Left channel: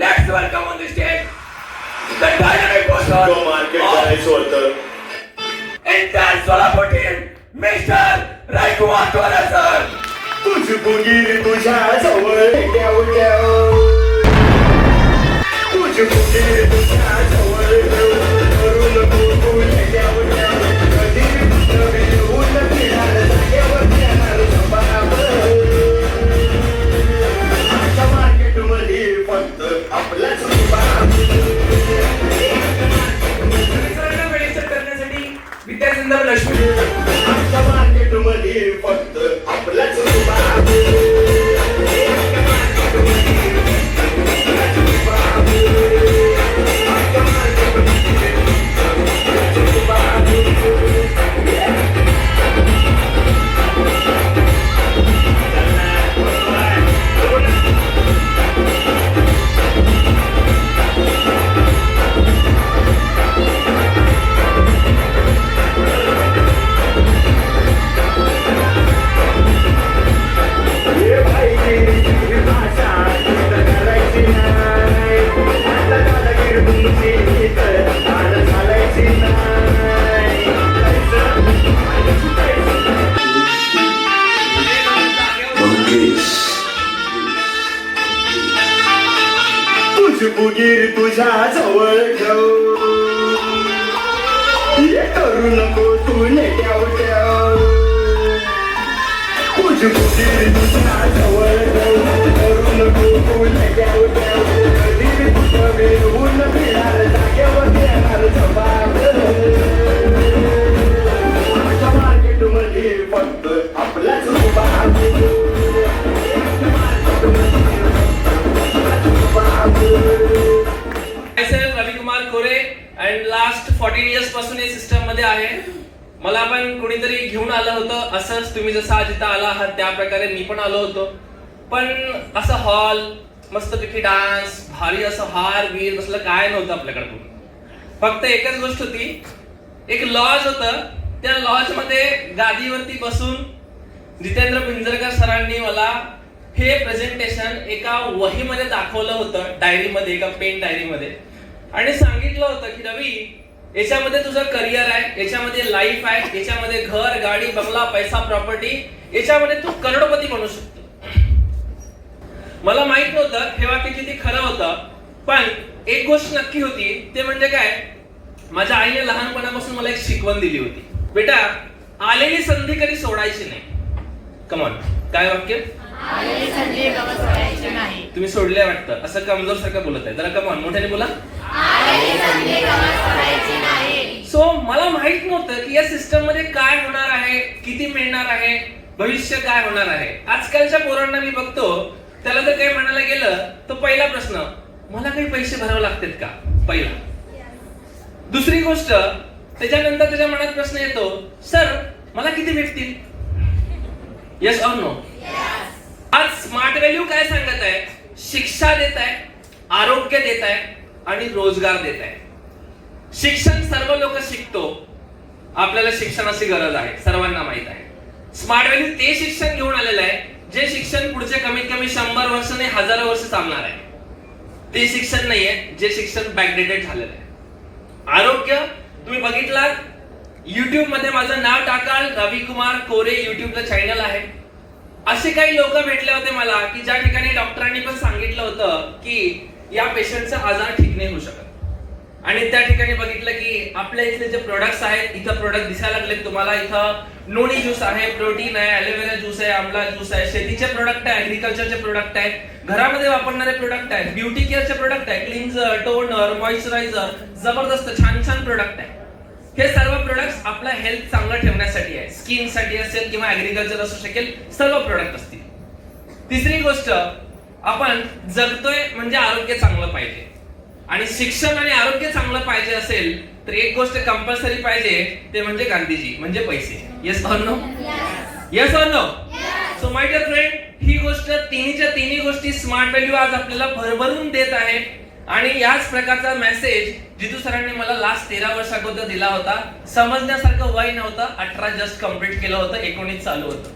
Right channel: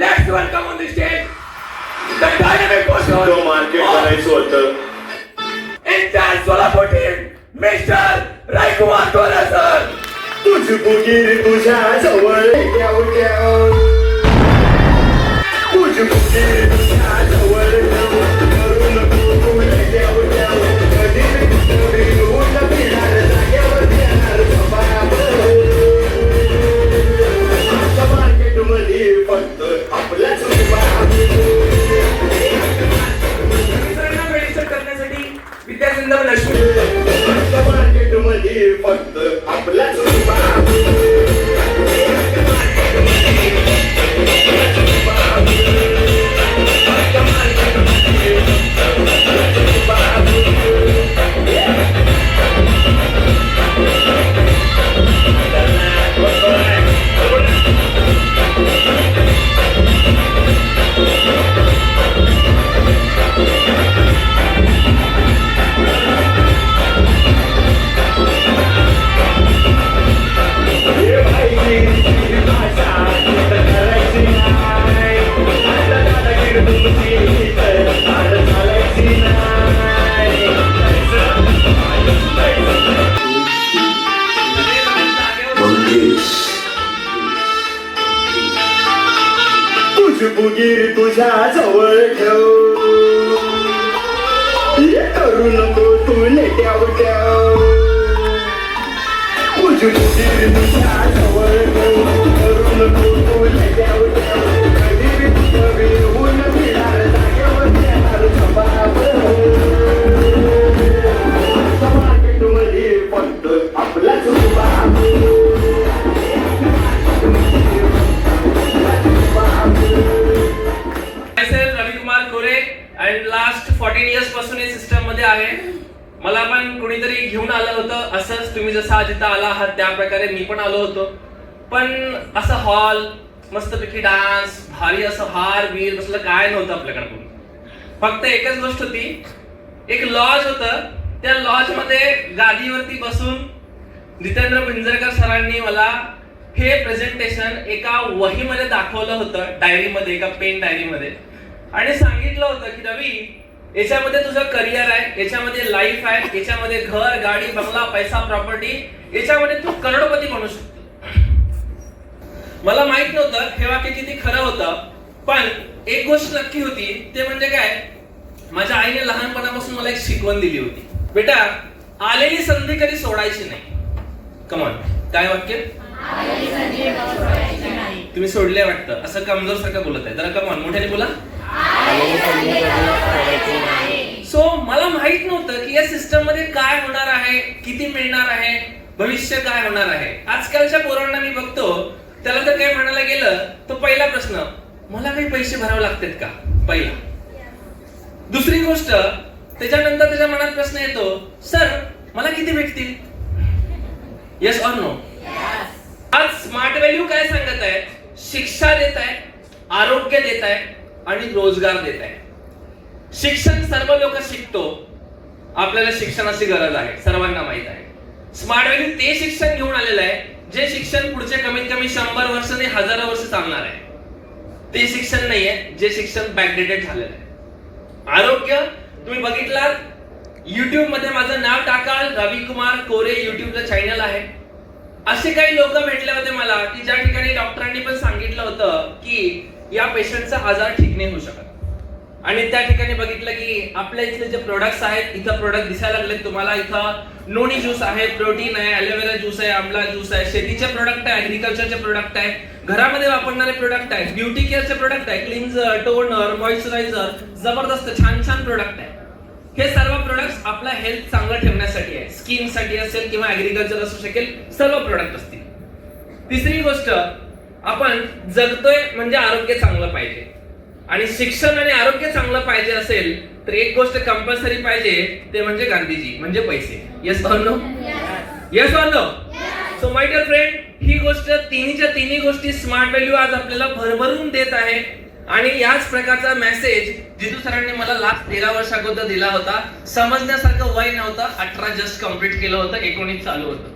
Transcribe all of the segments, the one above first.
Let's welcome on the stage the dynamic person तो market करायचं होतं. entire Solapur team, Mr. Raikumar Tola sir. तुझ बुगीर तुझ्या जवळ ठेव ठेव. तुझ बुगीर तुझ्या जवळ ठेव. करू नको तुझे ठेव ठेव. कधी कधी ऊन फिरणार जागेवर येणार झोपावर. आजच्या मार्केटमध्ये फक्त आपलाच उभा. मित्रांना वेळेसर करण्यासाठी विद्यासिंदर लक्ष्मी आजच्या मार्केटमध्ये फक्त आपलाच उभा. तुझ बुगीर तुझ्या जवळ ठेव. हे करू नको तू नेट्याव ठेव. तुझ बुगीर तुझ्या जवळ ठेव. करू नको तू नेट्याव ठेव. कधी कधी ऊन फिरणार जागेवर येणार झोपावर. आजच्या मार्केटमध्ये फक्त आपलाच उभा. myself रविकुमार कोरे आणि लास्ट 14 इयर्स पासून या सिस्टम मध्ये आहे. मला पण कोणीतरी घेऊन आलं होतं असंच, तुम्ही जसं आज इथं आला आहात त्या प्रकारे मी पण आलो होतो. पण असं हॉल मस्तपैकी डान्स भारी असं हार वीर कसलं काय नव्हतं आपल्याकडे. फक्त एकच गोष्ट होती, एक लॉज होतं. त्या लॉज मध्ये गादीवरती बसून जितेंद्र पिंजरकर सरांनी मला हे प्रेझेंटेशन एका वहीमध्ये दाखवलं होतं, डायरीमध्ये, एका पेन डायरीमध्ये, आणि सांगितलं होतं की रवी, याच्यामध्ये तुझं करिअर आहे, याच्यामध्ये लाईफ आहे, याच्यामध्ये घर गाडी बंगला पैसा प्रॉपर्टी, याच्यामध्ये तू करोडपती बनू शकतो. मला माहित नव्हतं हे वाक्य किती खरं होतं, पण एक गोष्ट नक्की होती, ते म्हणजे काय, माझ्या आईने लहानपणापासून मला एक शिकवण दिली होती, बेटा आलेली संधी कधी सोडायची नाही. कमॉन, काय वाक्य? तुम्ही सोडले वाटतं, असं कमजोर सारखं बोलत आहे. जरा कमॉन मोठ्याने बोला. सो मला माहित नव्हतं की या सिस्टम मध्ये काय होणार आहे, किती मिळणार आहे, भविष्य काय होणार आहे. आजकालच्या पोरांना मी बघतो, त्याला जर काही म्हणायला गेलं तर पहिला प्रश्न, मला काही पैसे भरावे लागतात का, पहिला. दुसरी गोष्ट, त्याच्यानंतर त्याच्या मनात प्रश्न येतो, सर मला किती भेटतील? Yes or no? आज स्मार्ट व्हॅल्यू काय सांगत आहे? शिक्षा देत आहे, आरोग्य देत आहे आणि रोजगार देत आहे. शिक्षण सर्व लोक शिकतो, आपल्याला शिक्षणाची गरज आहे, सर्वांना माहित आहे. स्मार्ट व्हॅल्यू ते शिक्षण घेऊन आलेलं आहे जे शिक्षण पुढचे कमीत कमी 100 वर्ष नाही, हजारो वर्ष चालणार आहे. ते शिक्षण नाहीये जे शिक्षण बॅकडेटेड झालेलं आहे. आरोग्य तुम्ही बघितलात, युट्यूब मध्ये माझं नाव टाकाल, रविकुमार कोरे युट्यूबचं चॅनल आहे. असे काही लोक भेटले होते मला की ज्या ठिकाणी डॉक्टरांनी पण सांगितलं होतं की या पेशंटचा आजार ठीक नाही होऊ शकत, आणि त्या ठिकाणी बघितलं की आपल्या इथले जे प्रोडक्ट्स आहेत, इथं प्रोडक्ट दिसायला लागले तुम्हाला. इथं नोनी ज्यूस आहे, प्रोटीन आहे, ॲलोवेरा ज्यूस आहे, आमला ज्यूस आहे, शेतीचे प्रोडक्ट आहे, ऍग्रिकल्चरचे प्रोडक्ट आहे, घरामध्ये वापरणारे प्रोडक्ट आहे, ब्युटी केअरचे प्रोडक्ट आहे, क्लिन्झर, टोनर, मॉइश्चरायझर, जबरदस्त छान छान प्रोडक्ट आहे. हे सर्व प्रोडक्ट्स आपला हेल्थ चांगलं ठेवण्यासाठी आहे, स्किन साठी असेल किंवा ऍग्रिकल्चर असू शकेल, सर्व प्रोडक्ट असतील. तिसरी गोष्ट, आपण जगतोय म्हणजे आरोग्य चांगलं पाहिजे, आणि शिक्षण आणि आरोग्य चांगलं पाहिजे असेल तर एक गोष्ट कंपल्सरी पाहिजे, ते म्हणजे गांधीजी, म्हणजे पैसे. Yes or no? Yes or no? So my dear friend, ही गोष्ट तिन्हीच्या तिन्ही गोष्टी स्मार्ट व्हॅल्यू आज आपल्याला भरभरून देत आहे. आणि याच प्रकारचा मेसेज जितू सरांनी मला लास्ट 13 वर्ष अगोदर दिला होता. समजण्यासारखं वय नव्हतं, 18 जस्ट कंप्लीट केलं होतं, 19 चालू होतं.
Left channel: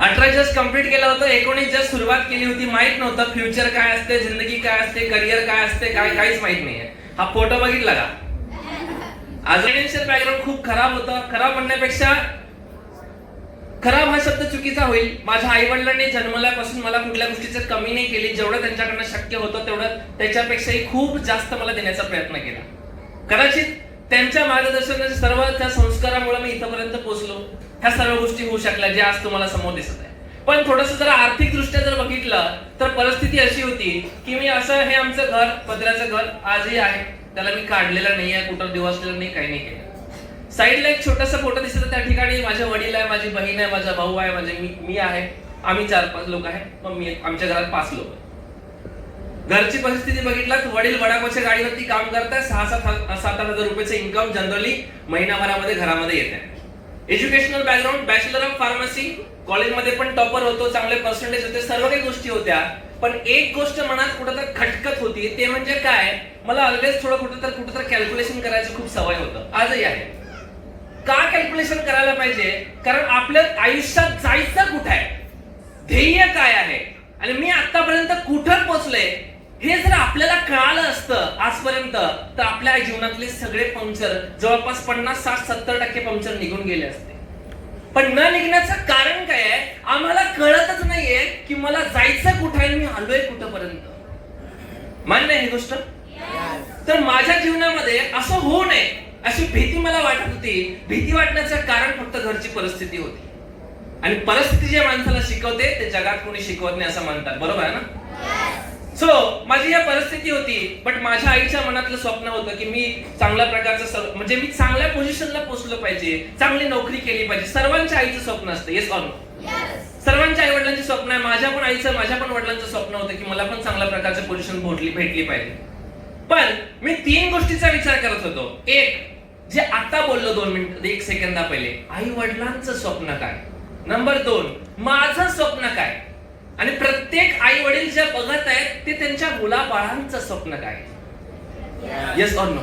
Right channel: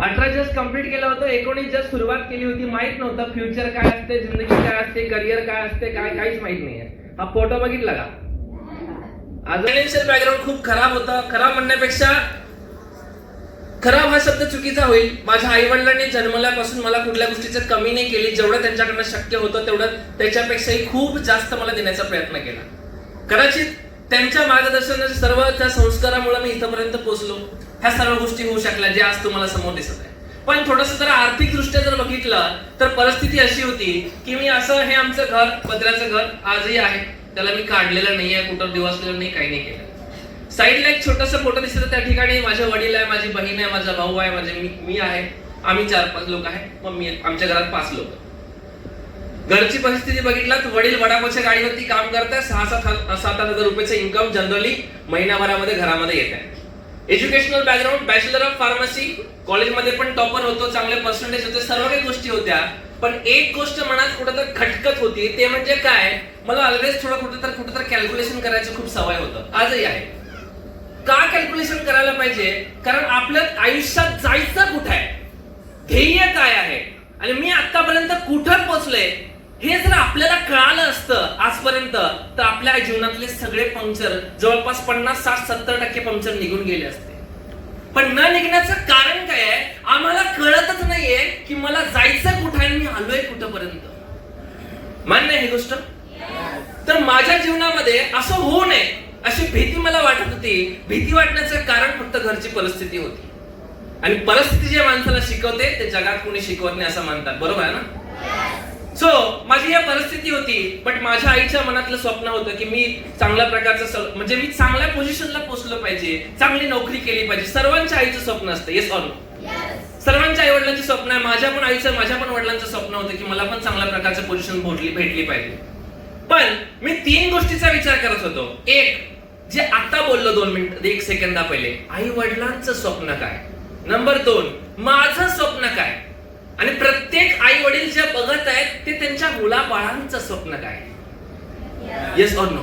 18 जस्ट कम्प्लीट केलं होतं, 19 जस्ट सुरुवात केली होती. माहित नव्हतं फ्युचर काय असते, जिंदगी काय असते, करिअर काय असते, काहीच माहित नाहीये. हा फोटो बघितला का? फायनान्शियल बॅकग्राऊंड खूप खराब होता. खराब म्हणण्यापेक्षा खराब हा शब्द चुकीचा होईल. माझ्या आई वडिलांनी जन्मल्यापासून मला कुठल्या गोष्टीचं कमी नाही केली. जेवढं त्यांच्याकडनं शक्य होतं तेवढं त्याच्यापेक्षाही खूप जास्त मला देण्याचा प्रयत्न केला. कदाचित त्यांच्या मार्गदर्शनाच्या सर्व त्या संस्कारामुळे मी इथपर्यंत पोहोचलो. ह्या सर्व गोष्टी होऊ शकल्या जे आज तुम्हाला समोर दिसत आहे. पण थोडंसं जर आर्थिक दृष्ट्या जर बघितलं तर परिस्थिती अशी होती की मी असं, हे आमचं घर, पत्र्याचं घर आजही आहे, त्याला मी काढलेलं नाहीये, कुठं दिवसलेलं नाही, काही नाही केलं. साईडला एक छोटासा फोटो दिसतो, त्या ठिकाणी माझे वडील आहे, माझी बहीण आहे, माझा भाऊ आहे, मी आहे. आम्ही 4-5 लोक आहे. मग मी, आमच्या घरात 5 लोक. घरची परिस्थिती बघितलं तर वडील वडापावच्या गाडीवरती काम करतात. 6-7 हजार रुपयाचं इन्कम जनरली महिनाभरामध्ये घरामध्ये येत आहे. Educational background, bachelor of pharmacy, कॉलेजमध्ये पण टॉपर होतो, चांगले पर्सेंटेज होते, सर्व काही गोष्टी होत्या. पण एक गोष्ट मनात कुठंतरी खटकत होती, ते म्हणजे काय, मला ऑलवेज थोडं कुठंतरी कॅल्क्युलेशन करायचं खूप सवय होतं, आजही आहे. का कॅल्क्युलेशन करायला पाहिजे? कारण आपल्या आयुष्यात जायचं कुठं आहे, ध्येय काय आहे, आणि मी आतापर्यंत कुठं पोहोचले हे जर आपल्याला कळालं असतं आजपर्यंत, तर आपल्या जीवनातले सगळे पंक्चर, जवळपास 50-60-70% पंक्चर निघून गेले असते. पण न निघण्याचं कारण काय आहे? आम्हाला कळतच नाहीये की मला जायचं कुठं आहे, मी आलोय कुठपर्यंत. मान्य आहे ही गोष्ट? तर माझ्या जीवनामध्ये असं होऊ नये अशी भीती मला वाटत होती. भीती वाटण्याचं कारण फक्त घरची परिस्थिती होती. आणि परिस्थिती जे माणसाला शिकवते ते जगात कोणी शिकवत नाही असं म्हणतात, बरोबर आहे ना? सो माझी ही परिस्थिती होती. बट माझ्या आईच्या मनातलं स्वप्न होतं की मी चांगल्या प्रकारचं, म्हणजे मी चांगल्या पोझिशनला पोहोचलो पाहिजे, चांगली नोकरी केली पाहिजे. सर्वांच्या आईचं स्वप्न असतं, येस ऑर नो? सर्वांच्या आई वडिलांची स्वप्न आहे. माझ्या पण आईचं, माझ्या पण वडिलांचं स्वप्न होतं की मला पण चांगल्या प्रकारचं पोझिशन भेटली पाहिजे. पण मी 3 गोष्टीचा विचार करत होतो. एक, जे आता बोललो 2 मिनिट 1 सेकंदा पहिले, आई वडिलांचं स्वप्न काय. नंबर 2, माझं स्वप्न काय. आणि प्रत्येक आई वडील जे बघत आहेत ते त्यांच्या मुलाबाळांचं स्वप्न काय. Yes or no?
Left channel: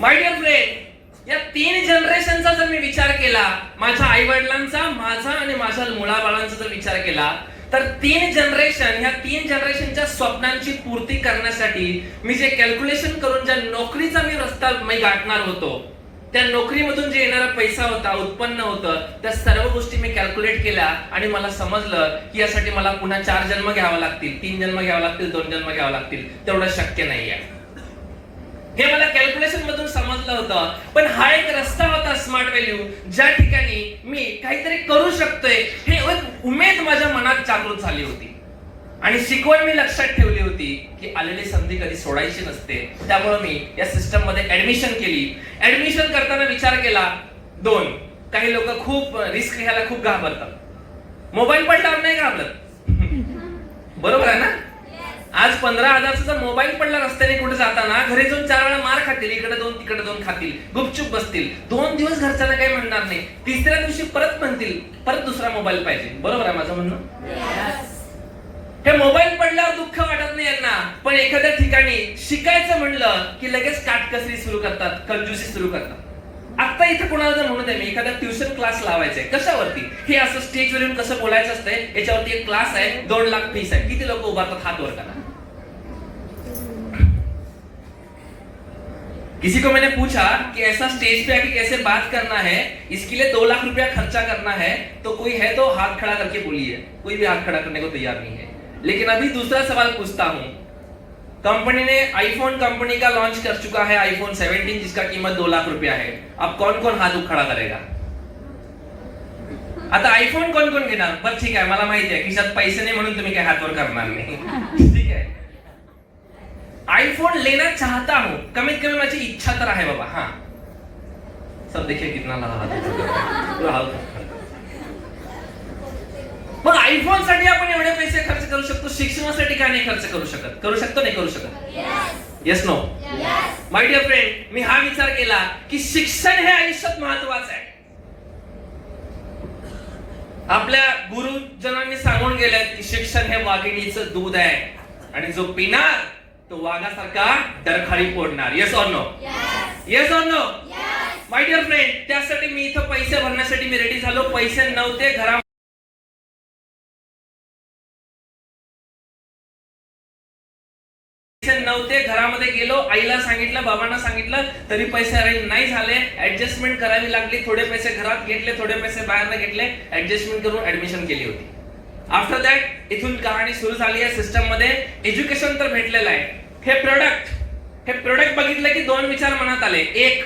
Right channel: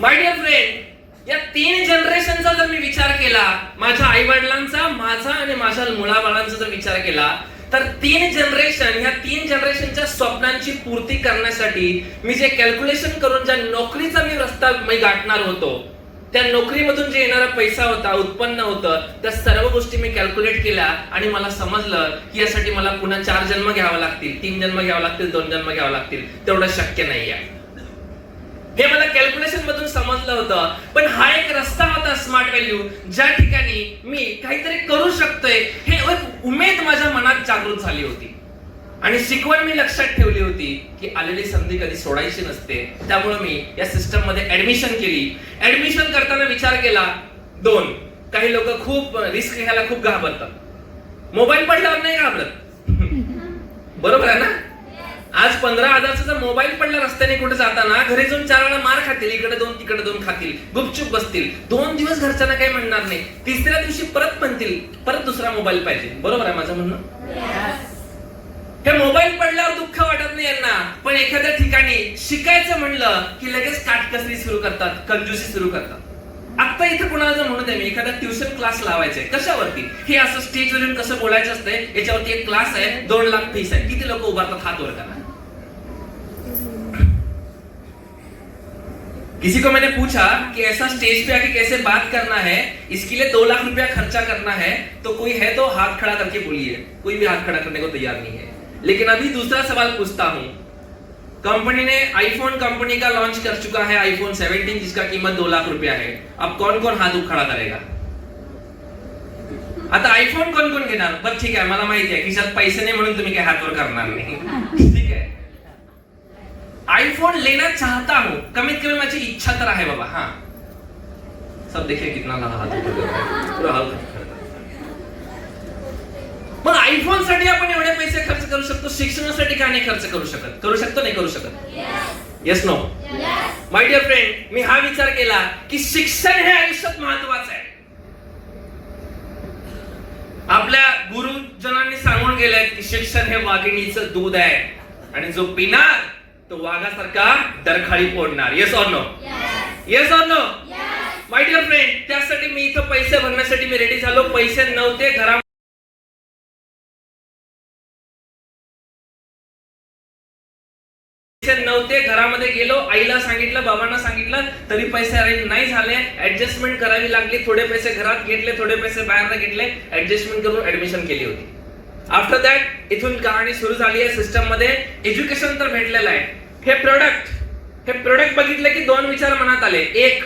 My dear friend, या 3 जनरेशनचा जर मी विचार केला, माझ्या आई वडिलांचा, माझा आणि माझ्या मुलाबाळांचा जर विचार केला, तर 3 जनरेशन, ह्या 3 जनरेशनच्या स्वप्नांची पूर्ती करण्यासाठी मी जे कॅल्क्युलेशन करून ज्या नोकरीचा मी रस्ता गाठणार होतो, त्या नोकरीमधून जे येणारा पैसा होता, उत्पन्न होतं, त्या सर्व गोष्टी मी कॅल्क्युलेट केल्या. आणि मला समजलं की यासाठी मला पुन्हा 4 जन्म घ्यावं लागतील, 3 जन्म घ्यावं लागतील, 2 जन्म घ्यावं लागतील. तेवढं शक्य नाहीये, हे मला कॅल्क्युलेशन मधून समजलं होतं. पण हा एक रस्ता होता, स्मार्ट व्हॅल्यू, ज्या ठिकाणी मी काहीतरी करू शकतोय हे एक उमेद माझ्या मनात जागृत झाली होती. आणि शिकवण मी लक्षात ठेवली होती की आलेली संधी कधी सोडायची नसते. त्यामुळे मी या सिस्टम मध्ये ऍडमिशन केली. ऍडमिशन करताना विचार केला 2, काही लोक खूप रिस्क घ्यायला खूप घाबरतात. मोबाईल पडल्यावर नाही घाबरत, बरोबर आहे ना? आज 15,000चा जर मोबाईल पडला रस्त्याने कुठे जाताना, घरी जाऊन 4 वेळा मार खातील, इकडे 2 तिकडे 2 खातील, गुपचूप बसतील. 2 दिवस घरच्यांना काही म्हणणार नाही, 3ऱ्या दिवशी परत म्हणतील परत दुसरा मोबाईल पाहिजे. बरोबर आहे माझं म्हणणं? हे मोबाईल पडल्यावर दुःख वाटत नाही यांना, पण एखाद्या ठिकाणी शिकायचं म्हणलं की लगेच काटकसरी सुरू करतात, कंजूसी सुरू करतात. आता इथे कुणाला जर म्हणू दे मी एखादा ट्युशन क्लास लावायचा आहे, कशावरती? हे असं स्टेजवर येऊन कसं बोलायचं असतंय, याच्यावरती एक क्लास आहे, 2 लाख फीस आहे. किती लोक उभारतात हात वर करा. किसी को मैंने पूछा कि ऐसा स्टेज पे आके कैसे बात करना है, इसके लिए 2 लाख रुपया खर्चा करना है, तो कोई है तो हाथ खड़ा करके बोलिए. कोई भी हाथ खड़ा करने को तैयार नहीं है. लेकिन अभी दूसरा सवाल पूछता हूं. कंपनी ने आईफोन कंपनी का लॉन्च कर चुका है, आईफोन 17 जिसका कीमत 2 लाख रुपया है. अब कौन कौन हाथ खड़ा करेगा? आता आईफोन कोण कोण घेणार? बरं ठीक आहे, मला माहिती आहे खिशात पैसे नाही म्हणून तुम्ही काय हातवर करणार नाही, ठीक आहे. आईफोन लेना चाहता हूं, कमीत कमी माझी इच्छा तर आहे बाबा. हाँ, सब देखिए कितना हाथ. मग आयफोन साठी आपण एवढे पैसे खर्च करू शकतो, शिक्षणासाठी का नाही खर्च करू शकत? करू शकतो, नाही करू शकत? Yes no? My dear friend, मी हा विचार केला की शिक्षण हे आयुष्यात महत्वाचं आहे. आपल्या गुरुजनांनी सांगून गेलंय की शिक्षण हे वाघिणीचं दूध आहे आणि जो पिणार तो वाघासारखा डरखाळी फोडणार. Yes or no? Yes or no? My dear friend, त्यासाठी मी इथं पैसे भरण्यासाठी मी रेडी झालो. पैसे नव्हते घरा नव्हते, घरामध्ये गेलो, आईला सांगितलं, बाबांना सांगितलं, तरी पैसे अरेंज नाही झाले. ऍडजस्टमेंट करावी लागली. थोडे पैसे घरात घेतले, थोडे पैसे बाहेर घेतले, ऍडजस्टमेंट करून ऍडमिशन केली होती. आफ्टर दॅट इथून कहाणी सुरू झाली आहे. सिस्टम मध्ये एज्युकेशन तर भेटलेलं आहे. हे प्रोडक्ट बघितलं की दोन विचार मनात आले. एक,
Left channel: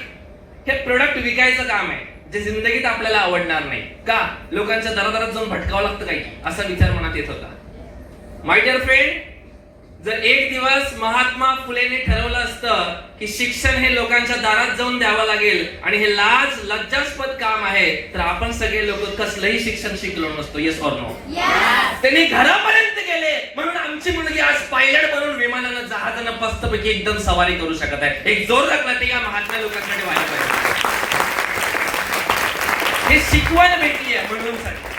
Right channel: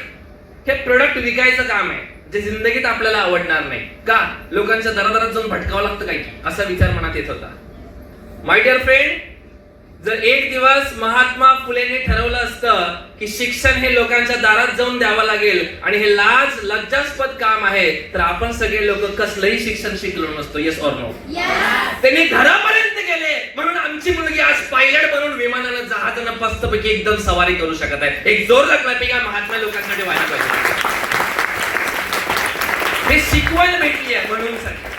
हे प्रोडक्ट विकायचं काम आहे जे जिंदगीत आपल्याला आवडणार नाही. का? लोकांच्या दरादरात जाऊन भटकावं लागतं काही, असा विचार मनात येत होता. माय डिअर फ्रेंड, जर एक दिवस महात्मा फुलेने ठरवलं असतं की शिक्षण हे लोकांच्या दारात जाऊन द्यावं लागेल आणि हे लज्जास्पद काम आहे, तर आपण सगळे लोक कसलंही शिक्षण शिकलो नसतो. Yes or no? त्यांनी घरापर्यंत गेले म्हणून आमची मुलगी आज पायलट बनून विमानानं जहाजानं मस्तपैकी एकदम सवारी करू शकत आहे. एक जोरदार क्लॅपिंग महात्मा लोकांसाठी व्हायला पाहिजे. हे शिकवायला भेटली आहे म्हणून साठी.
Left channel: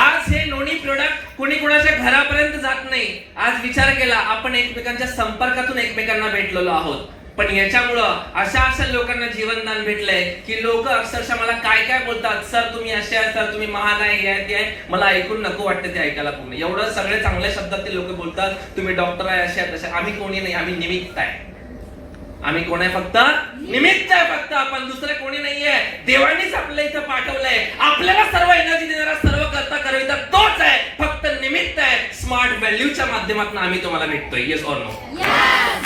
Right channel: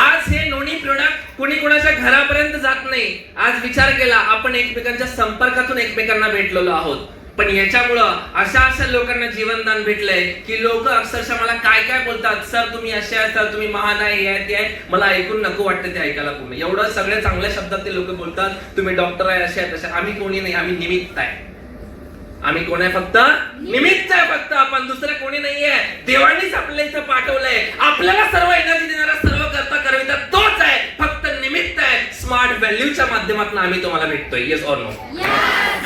आज हे नोनी प्रोडक्ट कोणी कोणाच्या घरापर्यंत जात नाही. आज विचार केला, आपण एकमेकांच्या संपर्कातून एकमेकांना भेटलेलो आहोत. पण याच्यामुळं अशा लोकांना जीवनदान भेटलंय की लोक अक्षरशः मला काय काय बोलतात, सर तुम्ही असे आहे, सर तुम्ही महान आहे, हे आहे. मला ऐकून नको वाटतं ते ऐकायला पूर्ण. एवढं सगळे चांगल्या शब्दात ते लोक बोलतात, तुम्ही डॉक्टर आहे, असे आहे, तसे. आम्ही कोणी नाही, आम्ही निमित्त आहे. आम्ही कोण आहे? फक्त निमित्त आहे. फक्त आपण, दुसरे कोणी नाहीये. देवानीच आपल्या इथं पाठवलंय. आपल्याला सर्व एनर्जी देणारा, सर्व करता करविता तोच आहे. फक्त निमित्त आहे. स्मार्ट व्हॅल्यूच्या माध्यमातून आम्ही तुम्हाला भेटतोय. Yes or no?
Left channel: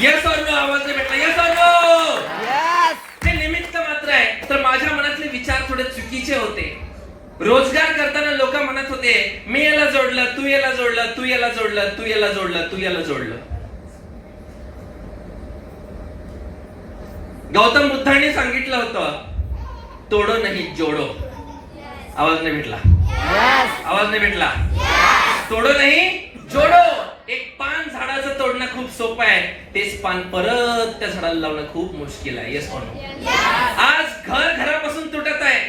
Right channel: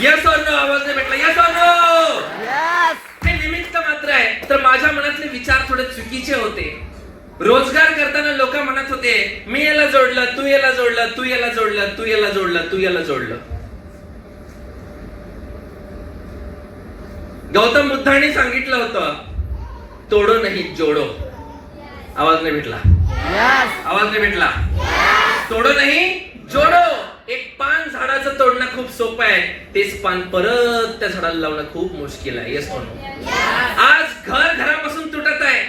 Yes or no? आवाज नाही भेटला. Yes or no? हे निमित्त मात्र आहे. तर माझ्या मनातले विचार थोडे चुकीचे होते. रोजगार करताना लोक म्हणत होते, मी याला जोडलं, तू याला जोडलं, तू याला जोडलं, तू याला जोडलं, तू याला जोडलं. गौतम बुद्धांनी सांगितलं होतं, तोडो नाही जोडो. आवाज नाही भेटला. आवाज नाही भेटला. तोडो नाही जोडो. एक पान झाडाचं तोडणं खूप सोपं आहे, तेच पान परत त्या झाडाला लावणं खूप मुश्किल आहे. Yes or no? आज घरापासून तुटत आहे.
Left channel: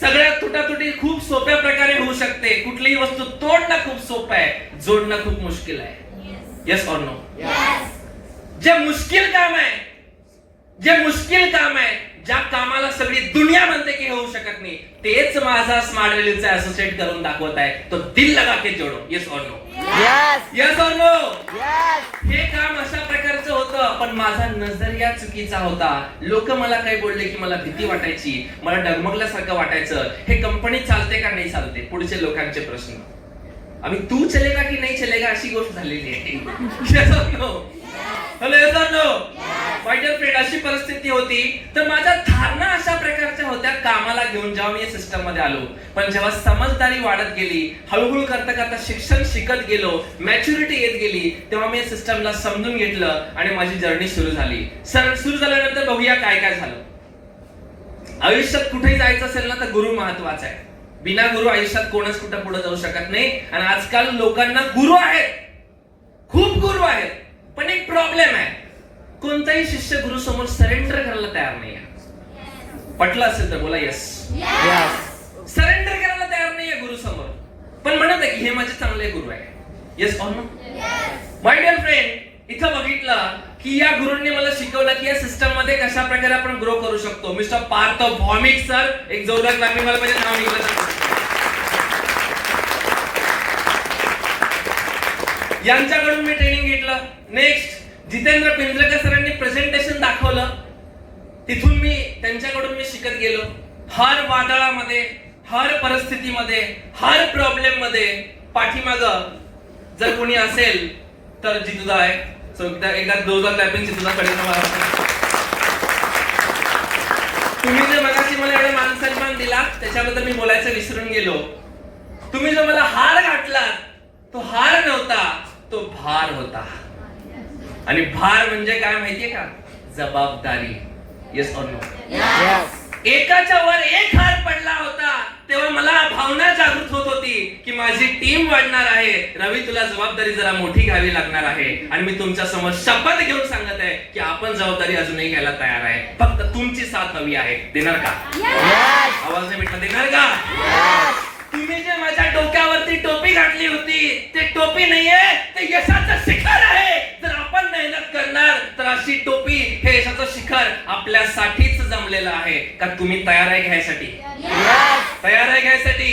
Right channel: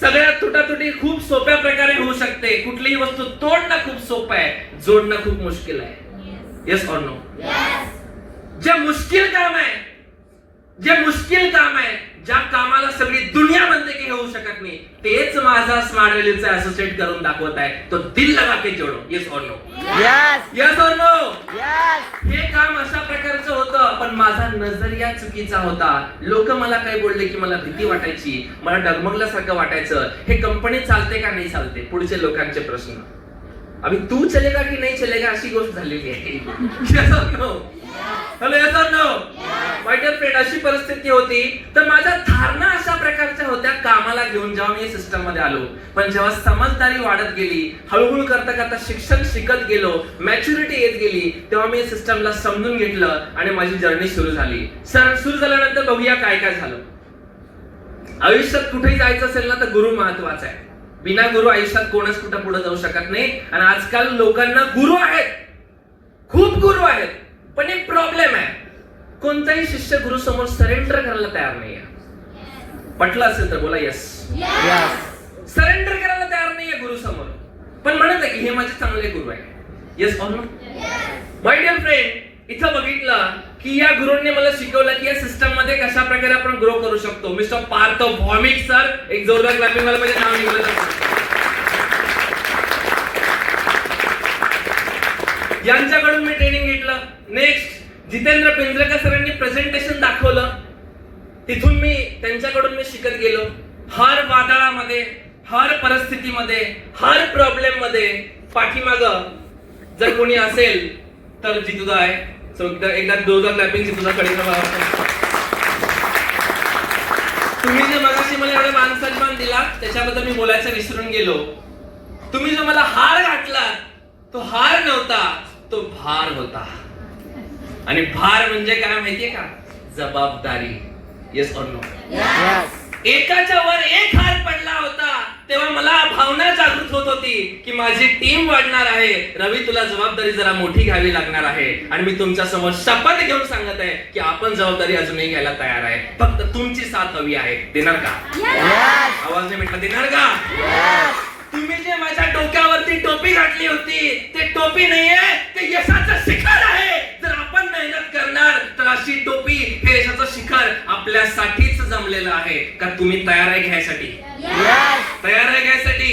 सगळ्यात तुटातुटी खूप सोप्या प्रकारे होऊ शकते. कुठलीही वस्तू तोडणं खूप सोपं आहे, जोडणं खूप मुश्किल आहे. Yes or no? जे मुश्किल काम आहे, ज्या कामाला सगळी दुनिया म्हणते की होऊ शकत नाही, तेच माझा स्मार्ट व्हॅल्यूचा असोसिएट करून दाखवत आहे. तो दिल लगा के जोडो. Yes or no? Yes or no? हे काम अशा प्रकारचं होतं, पण माझा नजरिया चुकीचा होता. लोक मला काय बोलले की मला भीती वाटायची, मला डगमगल्यासारखं वाटायचं. हे कंपनी चालते का नाही चालते, पुढचे लोकांचे प्रश्न. अभी तू चलेगा की नाही चलेगा अशी गोष्ट झालेली आहे. Yes or no? Hello, yes or no? My dear friend, अशी परिस्थिती होती. तर माझ्या धारणा अशा प्रकारच्या होत्या कामाला घेऊन, जेव्हा मी सिस्टम मध्ये आलो. पण जेव्हा समजदारी वाढत गेली, हळूहळू करता शिक्षण शिकत गेलो, मॅच्युरिटी येत गेली, तेव्हा मी सिस्टमला समजून घेतलं आणि माझी जर्नी सुरू झाली. सुरू झाल्यानंतर बघूया काय काय झालं. आयुष्यात कुठेही जायचं असेल ना तर गुरु महत्वाचा आहे. बिना गुरु आयुष्यात कोणच कुठं पुढे जाऊ शकत नाही. आणि आजकाल लोकांना गुरु आहेत, खूप गुरु आहेत, पण एक प्रॉब्लेम आहे, कोणताही शिष्य गुरु समोर सरेंडर करायला तयार नाहीये. पटलं असेल तर बोला यस. सरेंडर करायला तयार नाहीये गुरु समोर, पण म्हणत आहे की हे माझे चांगले गुरु आहे. Yes or no? My dear friend, इथं बघितलं की या गुरूंनी मला शिकवलं की या सिस्टम मध्ये कशा प्रकारे आपण ग्रो करू शकतो. मिस्टर पार्थ भौमिक सर, एक जोरदार क्लॅपिंग वाला मध्ये नाव निघालं. यांच्याकडून मी ट्रेनिंग घेतलं. नेक्स्ट जितेंद्र पिंजरेकर सरांनी प्रेझेंटेशन दाखवलं, तिथून मी त्यांच्याकडून मी शिकत गेलो. हर वादळामध्ये, हर परिस्थितीमध्ये, हर प्रॉब्लेम मध्ये पाठीमाग जर कोणी असेल तर जितुदा आहे. सो एकदा दोनदा क्लॅपिंग जितुदाकडे. तुम्ही जे मगाशी मला एवढे मान सन्मान दिला त्याच्याबद्दल मी बोलायचं विसरून गेलो. तुम्ही जो मला हार घातला तो हार नव्हता, तो भार होता. आणि भार म्हणजे काय माहितीये का? जबाबदारी. Yes or no? एकाच्या वर एक हार पडला होता तेव्हा मला भावना जागृत होत होती की माझी टीम वाढणार आहे. रवी, तुला जबाबदारी जरा मोठी घ्यावी लागणार आहे. आणि मी तुमच्या समोर शपथ घेऊन सांगत आहे की आपण जबाबदारी अजूनही घ्यायला तयार आहे. फक्त तुमची साथ हवी आहे. देणार का? आवाज नाही भेटला. देणार का? तुम्ही जे माझ्या डोक्यावरती टोपी घातली होती ते टोपी नाहीये, ते यशाचं शिखर आहे. जर आपण मेहनत करणार तर अशी टोपी, हे यशाचं शिखर आपल्यासाठीच जमलेलं आहे. का तुम्ही तयार आहे घ्यायसाठी? तयार आहे घ्यायसाठी?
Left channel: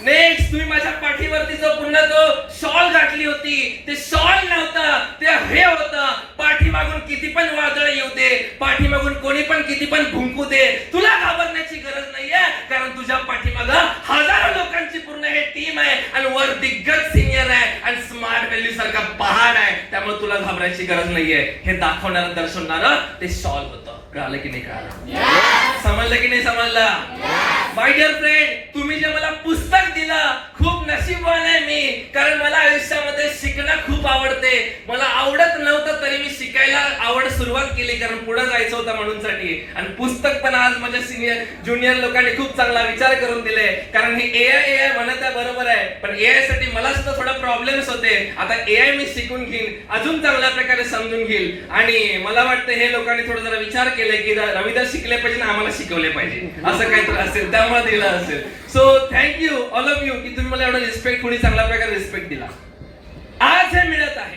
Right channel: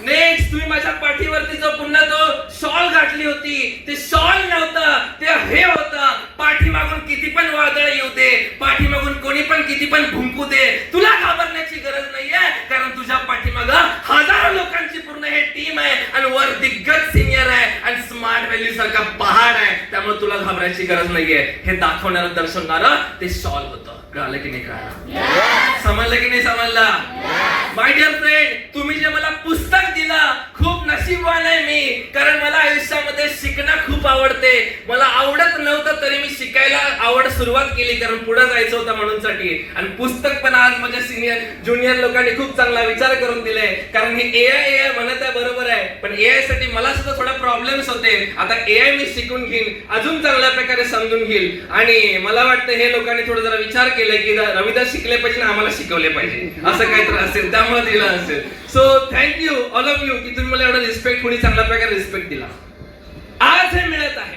नेक्स्ट, तुम्ही माझ्या पाठीवरती जो पुन्हा तो शॉल घातली होती, ते शॉल नव्हतं, ते हे होतं. पाठीमागून किती पण वादळ येऊ दे, पाठीमागून कोणी पण किती पण भुंकू दे, तुला घाबरण्याची गरज नाहीये, कारण तुझ्या पाठीमाग हजारो लोकांची पूर्ण हे टीम आहे आणि वर दिग्गज सिनियर आहे आणि स्मार्ट व्हॅल्यू सारखा पहाड आहे. त्यामुळे तुला घाबरायची गरज नाहीये. हे दाखवणारं दर्शवणारं ते शॉल होतं. कळालं की नाही कळालं? समजलं की नाही समजलं? माय डिअर फ्रेंड, तुम्ही जे मला पुस्तक दिलं, खूप नशीबवान आहे मी, कारण मला आयुष्यामध्ये शिकणं खूप आवडते. मला आवडत नव्हतं तरी मी शिकायला आवड सुरुवात केली, कारण पुढे जायचं होतं म्हणूनसाठी. आणि पुस्तक पण आज माझ्या सिनियर ज्युनियर लोकांनी खूप चांगला विचार करून दिले, कारण हे एआय म्हणत आहे बरोबर आहे, पण एआय साठी मला सुद्धा थोडा प्रॉब्लेम्स होते. आता एआय मी शिकून घेईन, अजून चांगल्या प्रकारे समजून घेईल. आणि मला वाटतं हे लोकांनी थोडं जरा विचार केलाय की रविदास शिकले पाहिजे आणि आम्हाला शिकवले पाहिजे, असं काहीतरी असेल त्यामुळे दिलं असेल. So thank you all of you की तुम्ही मला एवढा रिस्पेक्टफुली चांगल्या प्रकारे रिस्पेक्ट दिला. आज हे मिळत आहे,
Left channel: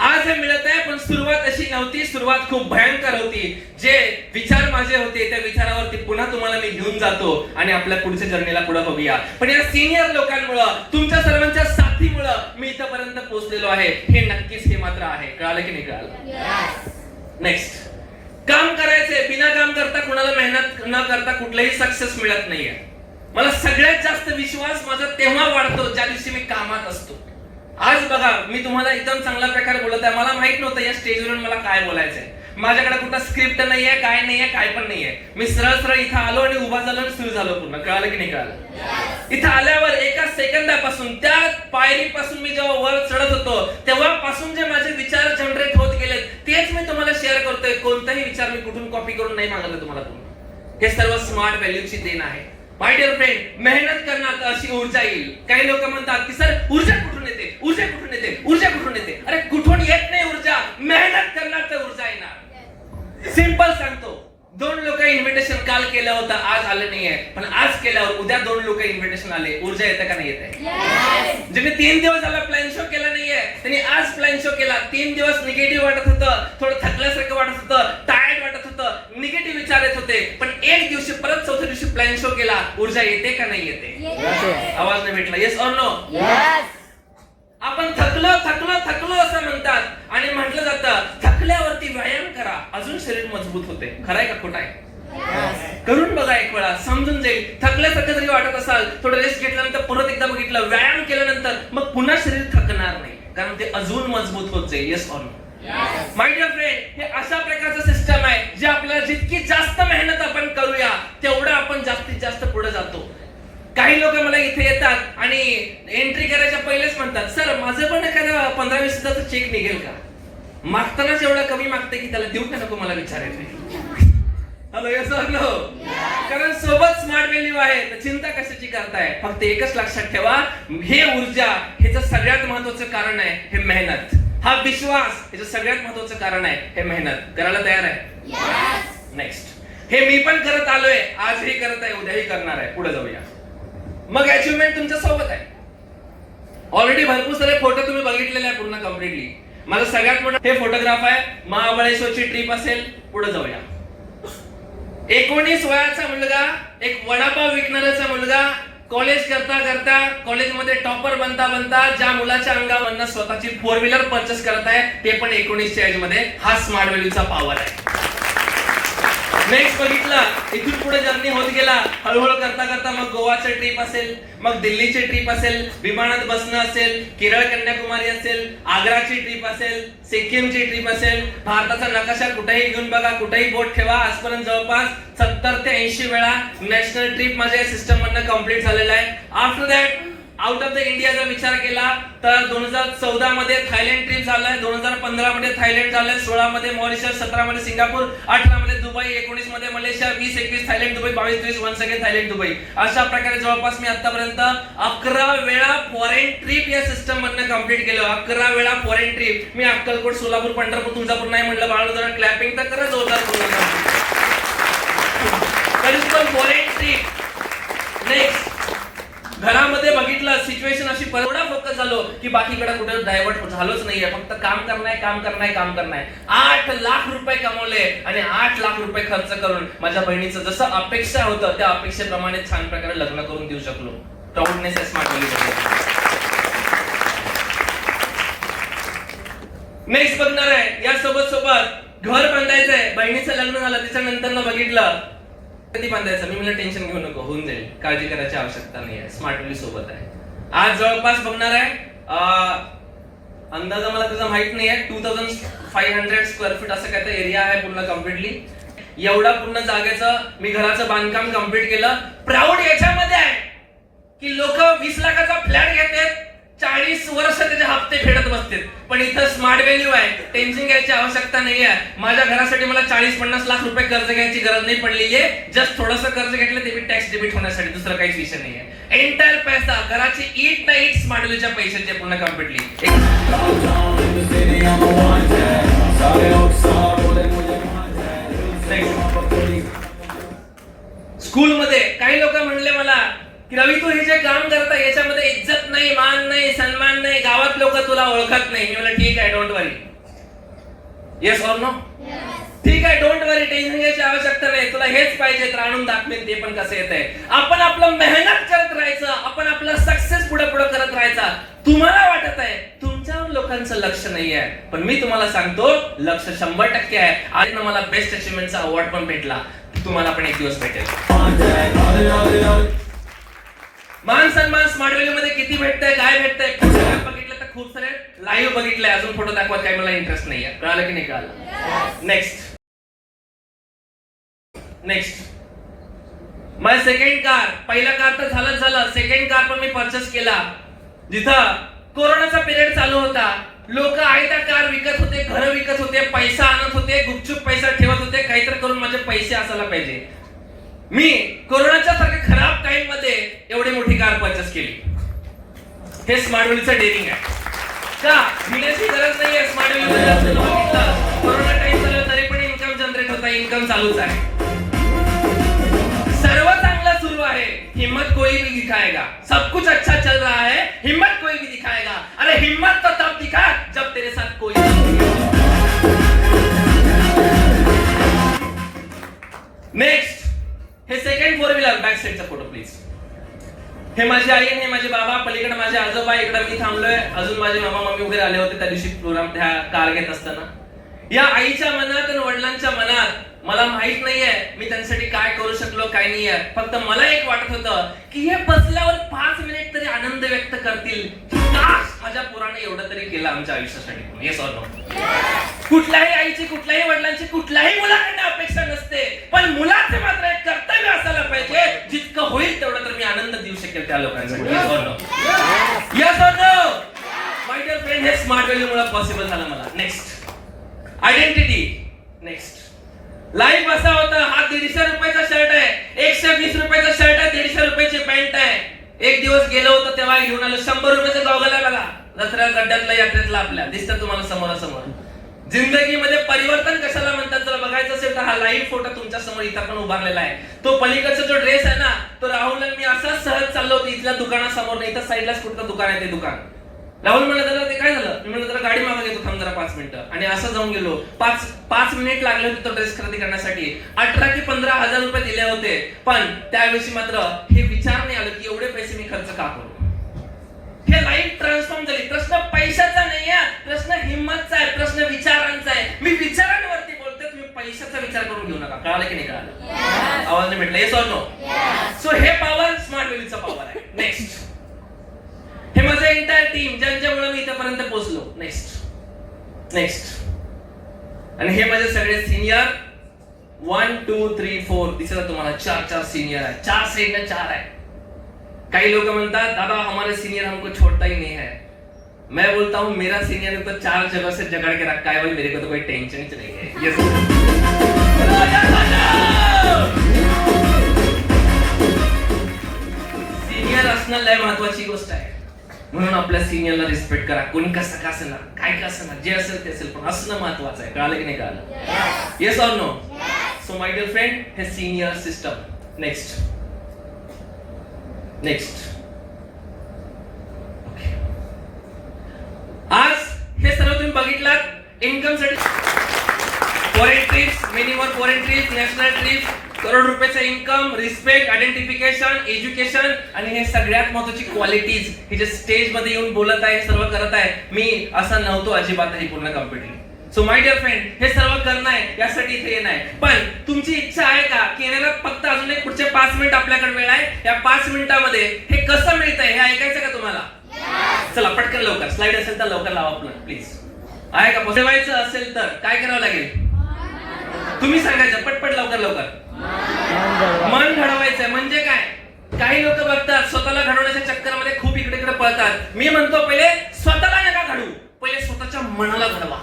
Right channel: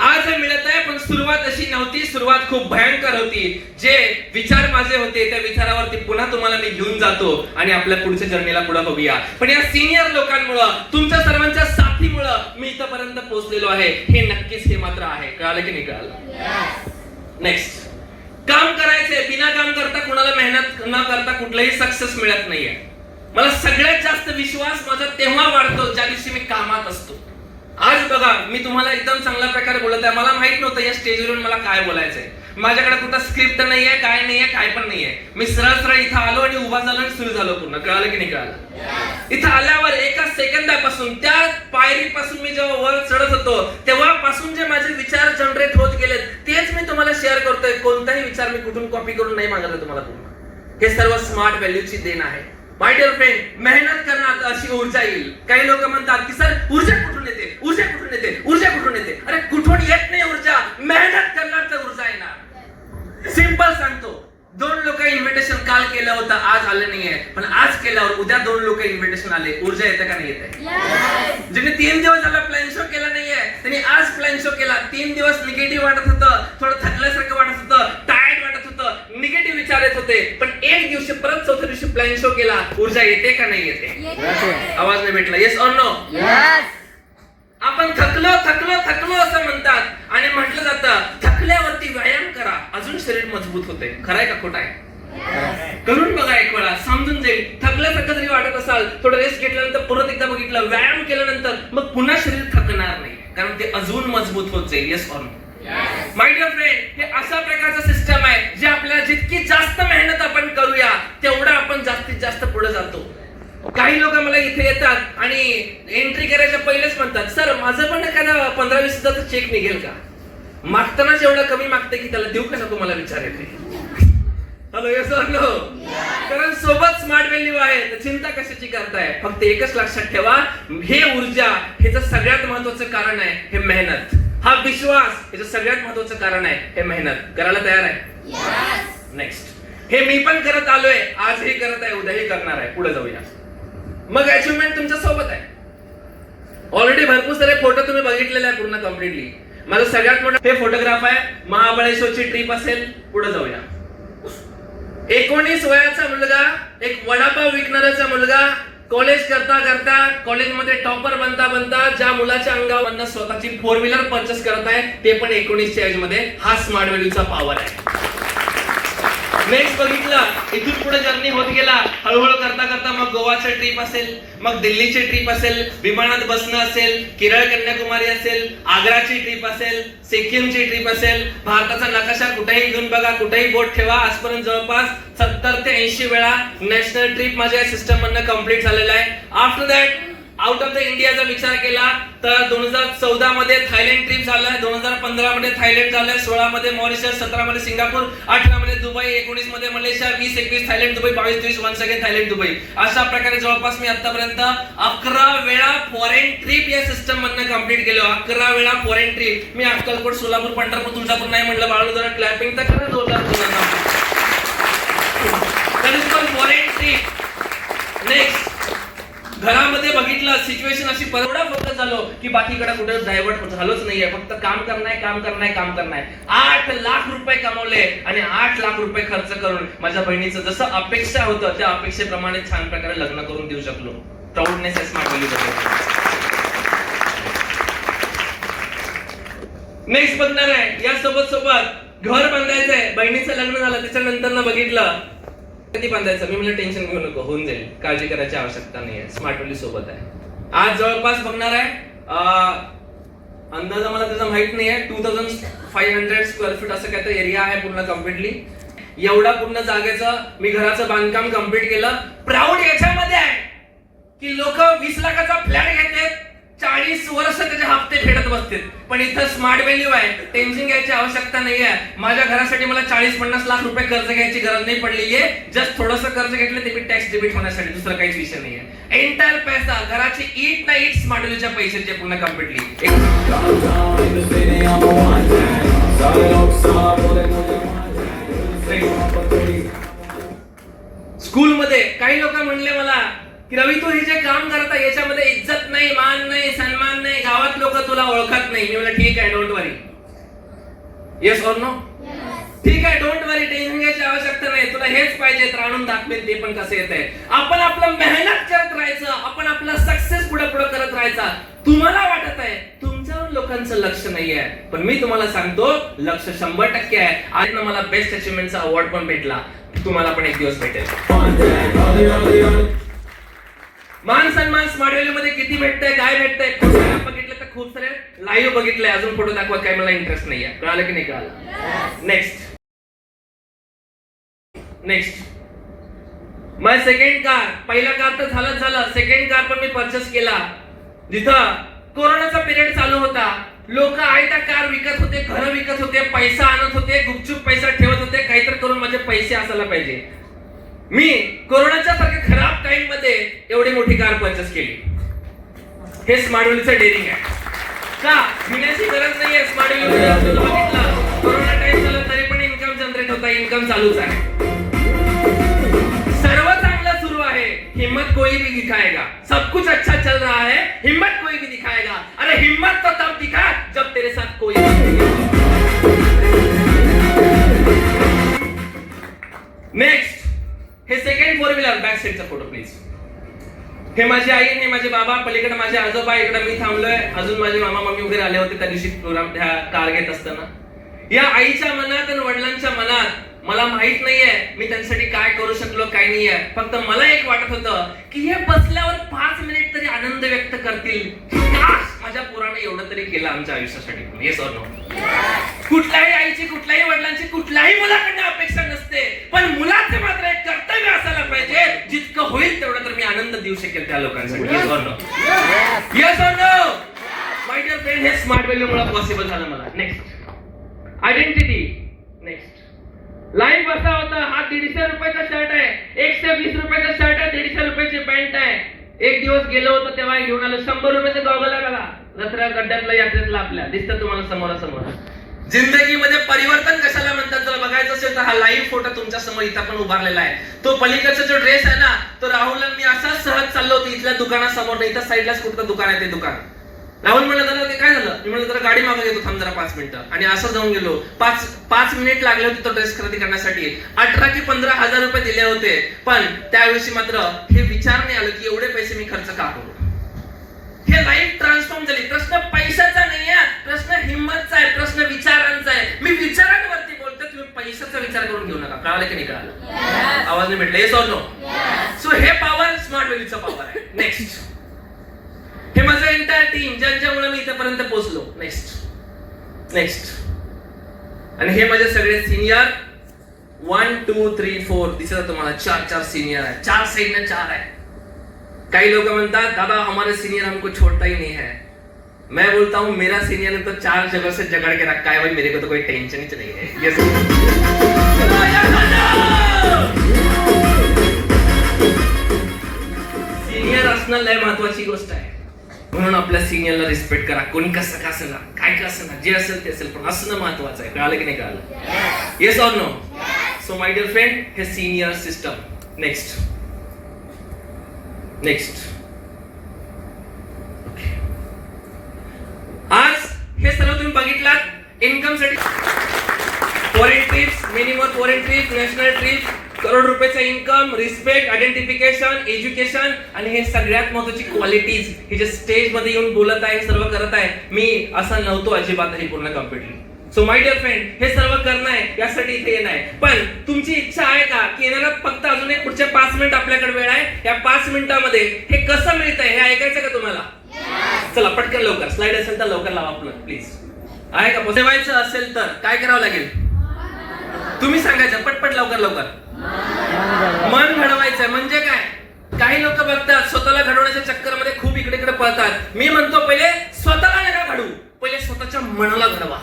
आज हे मिळत आहे, पण सुरुवात अशी नव्हती. सुरुवात खूप भयंकर होती. जे विचार माझे होते त्या विचारावरती पुन्हा तुम्हाला मी घेऊन जातो आणि आपल्या पुढच्या जर्नीला पुढे बघूया. पण या सिनियर लोकांमुळं, तुमच्या सर्वांच्या साथीमुळं मी इथपर्यंत पोहोचलेलो आहे. हे नक्कीच हे मात्र आहे. कळालं की नाही कळालं? नेक्स्ट, काम करायचे. बिना काम करता कुणाला मेहनत न करता कुठलाही सक्सेस मिळत नाहीये. मला सगळ्यात जास्त विश्वास माझा तेव्हा वाढतो ज्या दिवशी मी कामात असतो. आज बघा, मी तुम्हाला एकदम चांगल्या प्रकारे बोलत आहे. मला माहित नव्हतं या स्टेजवर मला काय बोलायचंय. माझ्याकडे कुठं स्क्रिप्ट नाहीये, काय नाहीये, काय पण नाहीये. मी सरळ सरळ इथं आलो आणि उभा झालो आणि सुरू झालो पूर्ण. कळालं की नाही कळालं? इथं आल्यावर एका सेकंदापासून, त्या पायरीपासून मी जेव्हा वर चढत होतो तेव्हापासून जे माझे विचार जनरेट होत गेलेत तेच मी तुम्हाला शेअर करतोय. कोणताही विचार मी कुठून कॉपी करून नाही मागवला तुम्हाला पूर्ण. हे सर्व स्मार्ट व्हॅल्यूची देण आहे. माय डिअर फ्रेंड, मेहनत करणार अशी ऊर्जा येईल. काही लोक म्हणतात की सर ऊर्जा कुठून येते, ऊर्जा कुठून येते, ऊर्जा कुठून येते. अरे कुठून येत नाही ऊर्जा, मेहनत करणार तर ऊर्जा येणार. सिंपल सांगतो, 2 लोक इन्व्हिटेशन काल केलं होतं, आज आलं नाहीये, पण आज केल्यावर उद्या 2 लोक इन्व्हिटेशन आले. ऊर्जा येतं का नाही येत? ज्याने 3 दिवस झाला प्लॅन शो केला नाहीये त्यांनी आज प्लॅन शो केला. 3 दिवस निगेटिव्ह वाटत होतं, थोडं थकल्यासारखं वाटत होतं, टायर्ड वाटत होतं, निगेटिव्ह विचार येत होते, पण एक दिवशी परत चौथ्या दिवशी प्लॅन शो केला. ऊर्जा येते का नाही येते? आवाज नाही भेटला. Yes or no? आपण थकलो थकलो थकलो असं म्हणतात आणि म्हटलं जातं थकल्यावरती व्यायाम करा, अजून शरीर मजबूत होते. खरंय का खोटं आहे? करून बघा एक वेळा, समजून जाईल. थकल्यासारखं जरी वाटत असाल, थोडं रेस्ट घेतल्यानंतर परत एकदा बघितलं, व्यायाम केल्यानंतर मग पुन्हा शरीर थकणार नाही, कारण ते अजून मजबूत होत जाईल. Yes or no? My dear friend, हे अशा प्रकारचं सिस्टम आहे जे आपल्याला जितकी जास्त मेहनत आपण करूया तेवढं आपण जास्तीत जास्त पुढे जातो. काही लोक मला इथे येतात आणि एंट्री करायच्या पहिलेच म्हणतात, सर माझं पण एखादा 15-20 हजारचा चेक निघेल का? मागतानाच एवढं कमी मागते की त्याला देऊ का नको मला विचार येते. Hello, yes or no? कारण सोबत स्मार्ट व्हॅल्यू आहे, तर चिंता कशाची करताय? फक्त एकच लक्षात ठेवा, हे ऊर्जा हेच सगळ्यात महत्वाचं कारण आहे, हे मेहनत. हा विश्वास हेच सगळ्यात महत्वाचं कारण आहे, हे मेहनत. करायला तयार आहे? नेक्स्ट, हे मी पण करत आलोय, आजही करत आहे, उद्याही करणार आहे. पुढे जाऊया. मग अचिव्हमेंट तुमच्या सोबत आहे. ऑलरेडी भरपूर सारे फोटो तुम्ही बघितलेले आहे पूर्ण कम्प्लिटली. माझा सगळ्यात मोठा हे फोटोग्राफ आहे, महाबळेश्वरची ट्रिप असेल. पुढे जाऊया. 19 वयाचा मुलगा, एक वडापाव विकणाऱ्याचा मुलगा, कॉलेज करता करता, कॉलेजमध्ये टॉपर बनता बनता ज्या मुलाच्या अंगावरनं स्वतःची 4 व्हीलर परचेस करत आहे, ते पण 19च्या एज मध्ये. हा स्मार्ट व्हॅल्यूचा पॉवर आहे. नेक्स्ट बघितलं, इथून पुढे जर्नी होत गेला, हळूहळू करता करता मग गोवाची ट्रिप असेल, मग दिल्लीची ट्रिप असेल, विमानात बसणं असेल, केरळ कन्याकुमारी असेल, आग्राची ट्रिप असेल, सिक्कीमची ट्रिप असेल. भारताचा नकाशा कुठेही घेऊन बघा, कुठेही बोट ठेवा. आजपर्यंत जवळपास 70 ते 80 वेळा नॅशनल ट्रिप माझ्या सिस्टम मधनं कम्प्लीट झालेला आहे. After that out of the इंडियाचा विचार केला तर 2014 मध्ये थायलंड ट्रिप झालाय, 2015 मध्ये थायलंड झालंय, 16 मध्ये मॉरिशस, 17 मध्ये सिंगापूर, 18 मध्ये दुबई, 19 मध्ये Malaysia, 20-21 Thailand Dubai, 22-23 once again Thailand Dubai. अशा प्रकारे जवळपास मी आतापर्यंत 11 वेळा फॉरेन ट्रिप या सिस्टम मधनं कम्प्लीट केलं. 11 वेळा फॉरेन ट्रिप. मी अक्कलकोट, सोलापूर, पंढरपूर, तुळजापूर नाही म्हटलं, बाळू जरा क्लॅपिंग तर खरंच जोरदार फॉरेन ट्रिप. नेक्स्ट, घरामध्ये बघितलं सिच्युएशन अशी एवढा फोकस झालो की बाकीकडे कुठे डायव्हर्ट झालोच नाहीये. फक्त काम करणार काम करणार काम करणार. 8 लाख रुपये कमवले आणि 8 लाख रुपये खर्च करून माझ्या बहिणीचं जसं अपेक्षा होतं त्या अपेक्षेप्रमाणे छान प्रकारे लग्न करून देऊ शकलो. प्राऊडनेस आहे स्मार्ट व्हॅल्यू बद्दल. नेक्स्ट बघणार आहे या सोबत घर बांधायचंय. बहिणीचं लग्न झालं त्याच्यानंतर बघितलं कधी बांधायचं. मी म्हणलं टेन्शन घेऊ नको, होऊन जाईल, काळजी करायची आवश्यकता नाही आहे. स्मार्ट व्हॅल्यू सोबत आहे. आज जवळपास बघणार आहे अंदाजा मला त्याचा माहित नाही आहे, 2500 स्क्वेअर फीट असं काय तर एरिया आहे पूर्ण कम्प्लिटली. एवढा पूर्ण जागेचं मी घराचं बांधकाम कम्प्लीट केलं. प्राऊड याच्यामध्ये आहे की लोक 20 लाखाचा फ्लॅट घेतात, 40 वर्ष त्याचे हप्ते फेडत बसतात. पण इथं स्मार्ट व्हॅल्यू आहे, टेन्शन घ्यायची आवश्यकता नाही आहे. माझ्या घरासाठी मला 40-50 लाख रुपये कर्ज घ्यायची गरज नाही पडलेली आहे. जस्ट थोडंसं कर्ज घेतलं ते मी टॅक्स डेबिट होण्यासाठी, दुसरं काहीच विषय नाही आहे. एंटायर पैसा घराची ईट ना ईट स्मार्ट व्हॅल्यूच्या पैशाचे पूर्ण कम्प्लिटली. स्कूलमध्ये काही लोक म्हणले मला की रवी तू हे जे काम करता याच्यामध्ये इज्जत नाही, मान नाही, सन्मान नाही, गावात लोक तुला ओळखत नाही. मी म्हणलं ठीक आहे, don't worry. Yes or no? ठीक आहे, डोंट वरी, टेन्शन घ्यायची आवश्यकता नाही. तुला हेच पाहिजे तर आणून दाखवेल ते पण कसं येत आहे. आपण आपलं मेहनत करत राहायचं, आपण आपला सक्सेस पुढे पुढे करत राहायचा. तुम्हाला वाटत आहे तुमच्यावर लोकांचं लक्ष नाही आहे, पण मी तुम्हाला सांगतो लक्ष 100% आहे. आज मला बेस्ट अचिव्हमेंटचा अवॉर्ड पण भेटला, तुम्हाला पण एक दिवस भेटेल. मान सन्मान स्मार्ट व्हॅल्यू मध्ये किती भेटतंय, काय भेटतंय बघितलं तर खूप सारे लाईव्ह बघितलंय. अजून फोटो दाखवत काही मला इंटरेस्ट नाहीये. कळालं की नाही कळालं? नेक्स्ट माझा सेकंड कार. पहिला कार तर झालं, सेकंड कार पण मी परचेस केला. जिथं कोरोनाचा पिरियड चालू होता, लोक आयता कार विकत होते, घर विकत होते, पैसा आणत होते, गुपचूप पैसा ठेवत होते, काहीतरी करून माझे पैसे असायला पाहिजे. मी कोरोनाच्या सारख्या खराब टाइम मध्ये एवढी मोठी कार परचेस केली. हे स्मार्ट व्हॅल्यूचं डेअरिंग आहे. का भिण्याची गरज नाहीये. स्मार्ट व्हॅल्यू कोरोना टाइम झाला तरी पण इन्कम जनरेट होता, इन्कम चालूच आहे. सर्व चांगलं सुरू आहे, हिम्मत कोई भी दिखाएगा. सब कुछ अच्छा चल रहा है, हिम्मत कोई भी दिखाएगा. अरे हिम्मत तो तब दिखा जब तेरे साथ कोई नेक्स्ट हे सेकंड फोर व्हीलर. बॅक साईडचा फोटो प्लीज. हे माझी आई आणि माझे बाबा, पलीकडे माझे आजोबा, इकडे मी थांबलोय. अजून माझे मामा मम्मी वगैरे आले होते त्या दिवशी प्रोग्राम त्या कार घेत असताना. या आईच्या मनात आणि वडिलांच्या मनात मला माहित नाहीये मी त्यांच्यासाठी काय करू शकलो, काय नाहीये. फक्त मला एक वाटत होतं की हे बसल्यावर 5 मिनिट तरी आनंद व्यक्त करतील. माझ्या पोराने एवढं तरी केलं आमच्या आयुष्यासाठी. Yes or no? कुठल्याही आईची, कुठल्याही वडिलांची, कुठल्याही मुलाकडनं अपेक्षा नसते, पण मुलाचे मात्र एक कर्तव्य असायला पाहिजे, जितकं होईल तेवढं तर मी आनंद देऊ शकेल त्या लोकांसाठी. Yes or no? Yes or no? My dear friend, हे स्मार्ट व्हॅल्यू मुळे पॉसिबल झालं मला. Next identity. नेक्स्ट लाईफ असा होता, हा 150 रुपयाचा शर्ट आहे, 120 रुपयाचा शर्ट आहे, 150 रुपयाची पॅन्ट आहे. एक दिवस गेलो होतो तेव्हा घेऊन आलो 100 रुपयाचं गॉगल आहे बघा, दसऱ्या गड्ड्यातला यात्रेतला आपल्या, दिसतं तुम्हाला समोरासमोर. जिंदगीमध्ये परिवर्तन कशाला म्हणतात जर बघायचं असेल तर हा लाईव्ह फोटो तुमच्या समोर इथं पण उभारलेला आहे. तो पलीकडचा जो ड्रेस आहे ना, तो राहुल मी असाच सहज चाललो होतो इथल्या दुकानासमोर, नाही इथं साईडलाच कुठलं दुकान आहे ते दुकान. राहुल म्हणलं दादा ते काय झालं, मी म्हणलं जरा गाडी मागं घेतो, थांब जरा 5 मिनिटं. आणि असं जाऊन गेलो. 5 मिनिट लागले होते तो ड्रेस खरेदी करण्यासाठी. 18 की 15 हजार रुपये दिले होते. पण त्यावेळी मात्र हे विचार नाही आलं की एवढे पैसे मी खर्च का करू. हे लाईफ ट्रान्सफॉर्म झाली. प्रश्न पैशाचा नाही आहे, प्रश्न हिंमतचा आहे, प्रश्न विचारांचा आहे. मी विचारांवरती बोलतो, तुम्ही पैशाचा विचार करून घेऊ नका. कळालं की नाही कळालं? आवाज नाही भेटला? Yes or no? सो हे पॉवर स्मार्ट व्हॅल्यूचा पॉवर आहे. नेक्स्ट हे माझं एंटायर टीम ज्यांच्यामुळे मी इथपर्यंत पोहोचलो. नेक्स्ट आणि हे माझे सगळे सिनियर 1 2 3 4 दिसत तुम्हाला 4 सिनियर आहे. 4 साइड 4 आहे. काही लोक म्हणतात दादा हमारे सीनियर हमको छोड़ता ही नहीं है. मैं बोलता हूँ मेरा सीनियर ने तो 4 जगह से जगड़ के रखा है भाई, मेरे को तो कोई टेंशन ही नहीं है. ये सीनियर असणं लय महत्वाची गोष्ट आहे. म्हणून आपल्या सिनियरला रिस्पेक्ट करा. कोणी कसं का असेल ना, काय का असेल ना, जे असेल ते असेल, पण असणं महत्वाचं आहे. कळालं की नाही कळालं? Yes or no? So my dear friend, हे सिनियर सिस्टम. Next okay. आज हे सर्व तुम्ही बघितलात इन्कम साठी. Foreign trips, many more foreign trips, national trips, crore रुपयाचं इन्कम, रिस्पेक्ट, आयडेंटिफिकेशन, एज्युकेशन आणि हे सगळ्यात महत्वाची क्वालिटीज हे जे स्टेज मध्ये येऊन बोलत आहे, सर्व करत आहे. मी असा नव्हतो अजिबातही पूर्ण completely. So my dear friend, हे सर्व करणं आहे यासाठी इथे येणं आहे. पण तुमची इच्छा आहे का की येण्याला फक्त अजून एक पुढचे 5 मिनिट आपल्याकडे वेळ आहे. या 5 मिनिटांमध्ये हे कसं मिळतंय हे ऐकायचं का तुम्हाला? चला पटकन लवकर, स्लाइड असेल तर लवकर लावा प्लीज. आहे का? पोचवायचं असेल तर काय करावं लागेल? तुम्ही सांगायचं पटपट लवकर लवकर. मन घडवायचंय म्हणजे काय? काही लोक बघतात स्वतःला घडवण्याच्या चक्करमध्ये खूप इकडे इकडे पळतात. मी म्हणतो पहिले स्वतःला नका घडवू, पहिले स्वतःच्या मनाला घडवा.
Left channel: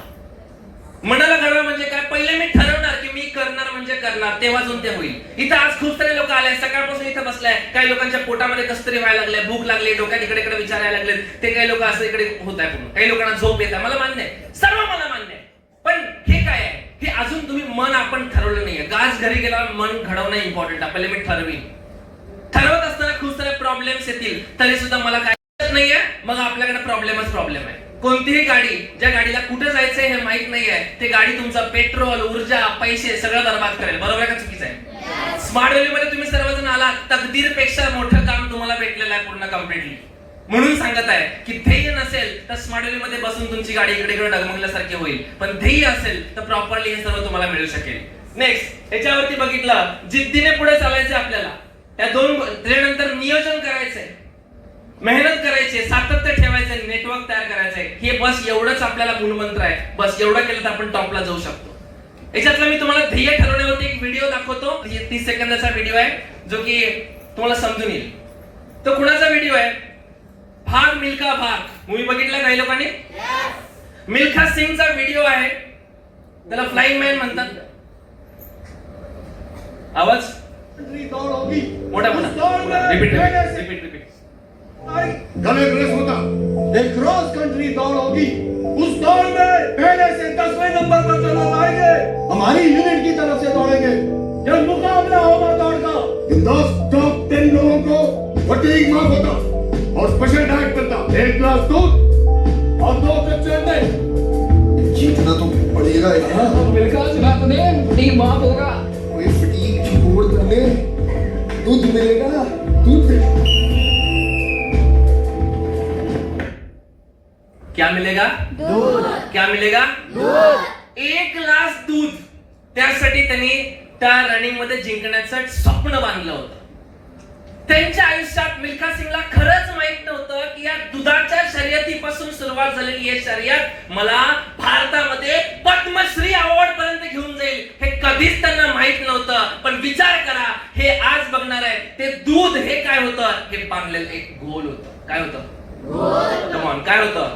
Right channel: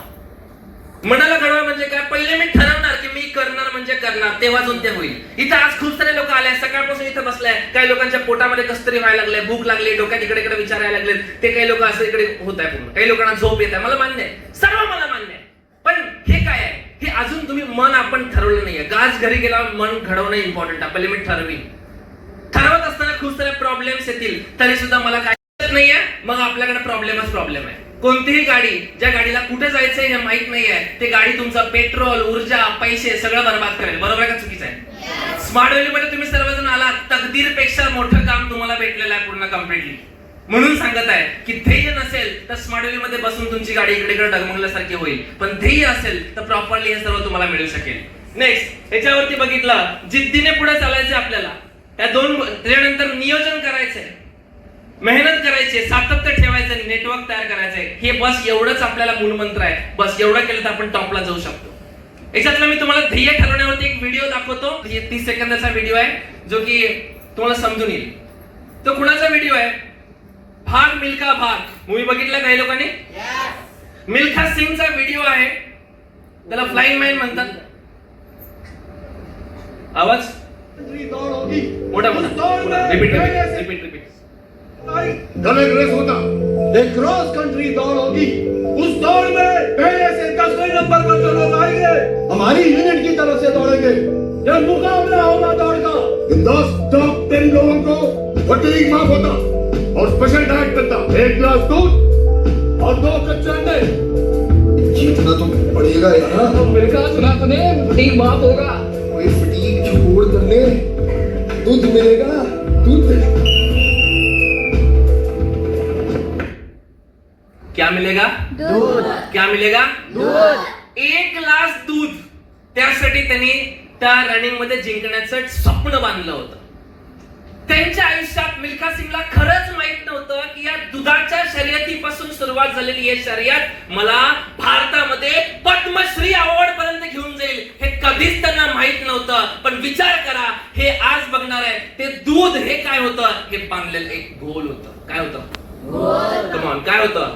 मनाला घडवा म्हणजे काय? पहिले मी ठरवणार की मी करणार म्हणजे करणार, तेव्हाच ते होईल. इथं आज खूप सारे लोक आले, सकाळपासून इथे बसलाय. काही लोकांच्या पोटामध्ये कसतरी व्हायला लागलंय, भूक लागली, डोक्यात इकडे इकडे विचार यायला लागले. ते काही लोक असं इकडे होत आहे पूर्ण. काही लोकांना झोप येत आहे, मला मान्य आहे, सर्व मला मान्य आहे. पण हे काय आहे? हे अजून तुम्ही मन आपण ठरवलं नाहीये. आज घरी गेल्यावर मन घडवणं इम्पॉर्टंट आहे. पहिले मी ठरवीन. ठरवत असताना खूप सारे प्रॉब्लेम्स येतील, तरी सुद्धा मला काय नाहीये, मग आपल्याकडे प्रॉब्लेम आहे. कोणतीही गाडी, ज्या गाडीला कुठे जायचंय हे माहित नाहीये, ते गाडी तुमचा पेट्रोल, ऊर्जा, पैसे सगळं बर्बाद करेल. बरोबर आहे का चुकीचं आहे? स्मार्ट व्हॅली मध्ये तुम्ही सर्वजण आलात, तकदीरपेक्षा मोठं काम तुम्हाला भेटलेलं आहे पूर्ण कम्प्लिटली. म्हणून सांगत आहे की ध्येय नसेल तर स्मार्ट व्हॅली मध्ये बसून तुमची गाडी इकडे इकडे डगमगल्यासारखी होईल. पण ध्येय असेल तर प्रॉपरली हे सर्व तुम्हाला मिळू शकेल. नेक्स्ट, याच्यावरती बघितलं, जिद्दीने पुढे चालायचं आपल्याला. या त्यानंतर नियोजन करायचंय, मेहनत करायची, सातत्य ठेवायचं, नेटवर्क तयार करायचंय. हे बस एवढंच आपल्याला मूलमंत्र आहे. बस एवढं केलं तर आपण टॉपला जाऊ शकतो. याच्यातला मी तुम्हाला ध्येय ठरवण्यावरती एक व्हिडिओ दाखवतो. 30 सेकंदाचा व्हिडिओ आहे जो की तुम्हाला समजून येईल. तो कुणाचा व्हिडिओ आहे? भाग मिल्खा भाग मूवी बघितला काही लोकांनी? मिल्खा सिंगचा व्हिडिओ आहे. त्याला फ्लाइंग मॅन म्हणतात. आवाज मोठा मोठा रिपीट. कल एक रेस होता, एक क्रॉस कंट्री दौड़ होगी. उस दौड़ में पहले से 10वें नंबर पर जो लोग आएंगे, हमारी यूनिट की तरफ से दौड़ेंगे. जब मुकाबला होगा दौड़ का, इन 10 टॉप 10 लोगों को फटीग माफ होता और स्पेशल डाइट मिलता. 1 गिलास दूध और 2 कच्चे अंडे. जीतना तो पड़ेगा यार. मिलकर सुना तूने, फटीग माफ होगा. कोई फटीग छोड़ करने दूध मिलेगा. दूध क्या मिलेगा? दूध. क्या मिलेगा? दूध. 1 ग्लास दूध. त्यासाठी त्यांनी त्या रनिंग मध्ये जिंकण्याचं स्वप्न बांधलं होतं. त्यांच्या आयुष्यात मिल्खा सिंगला खरंच माहित नव्हतं की या दुधाच्या शर्यतीपासून सुरुवात झालेली ही शर्यत मला भारतामध्ये पद्मश्री अवॉर्ड पर्यंत घेऊन जाईल. हे कधीच त्यांना माहित नव्हतं. पण विचार करा, हे आज बघणार आहे ते दूध हे काय होतं? हे बांधलेलं एक गोल होतं. काय होतं? कमॉन, काय होतं?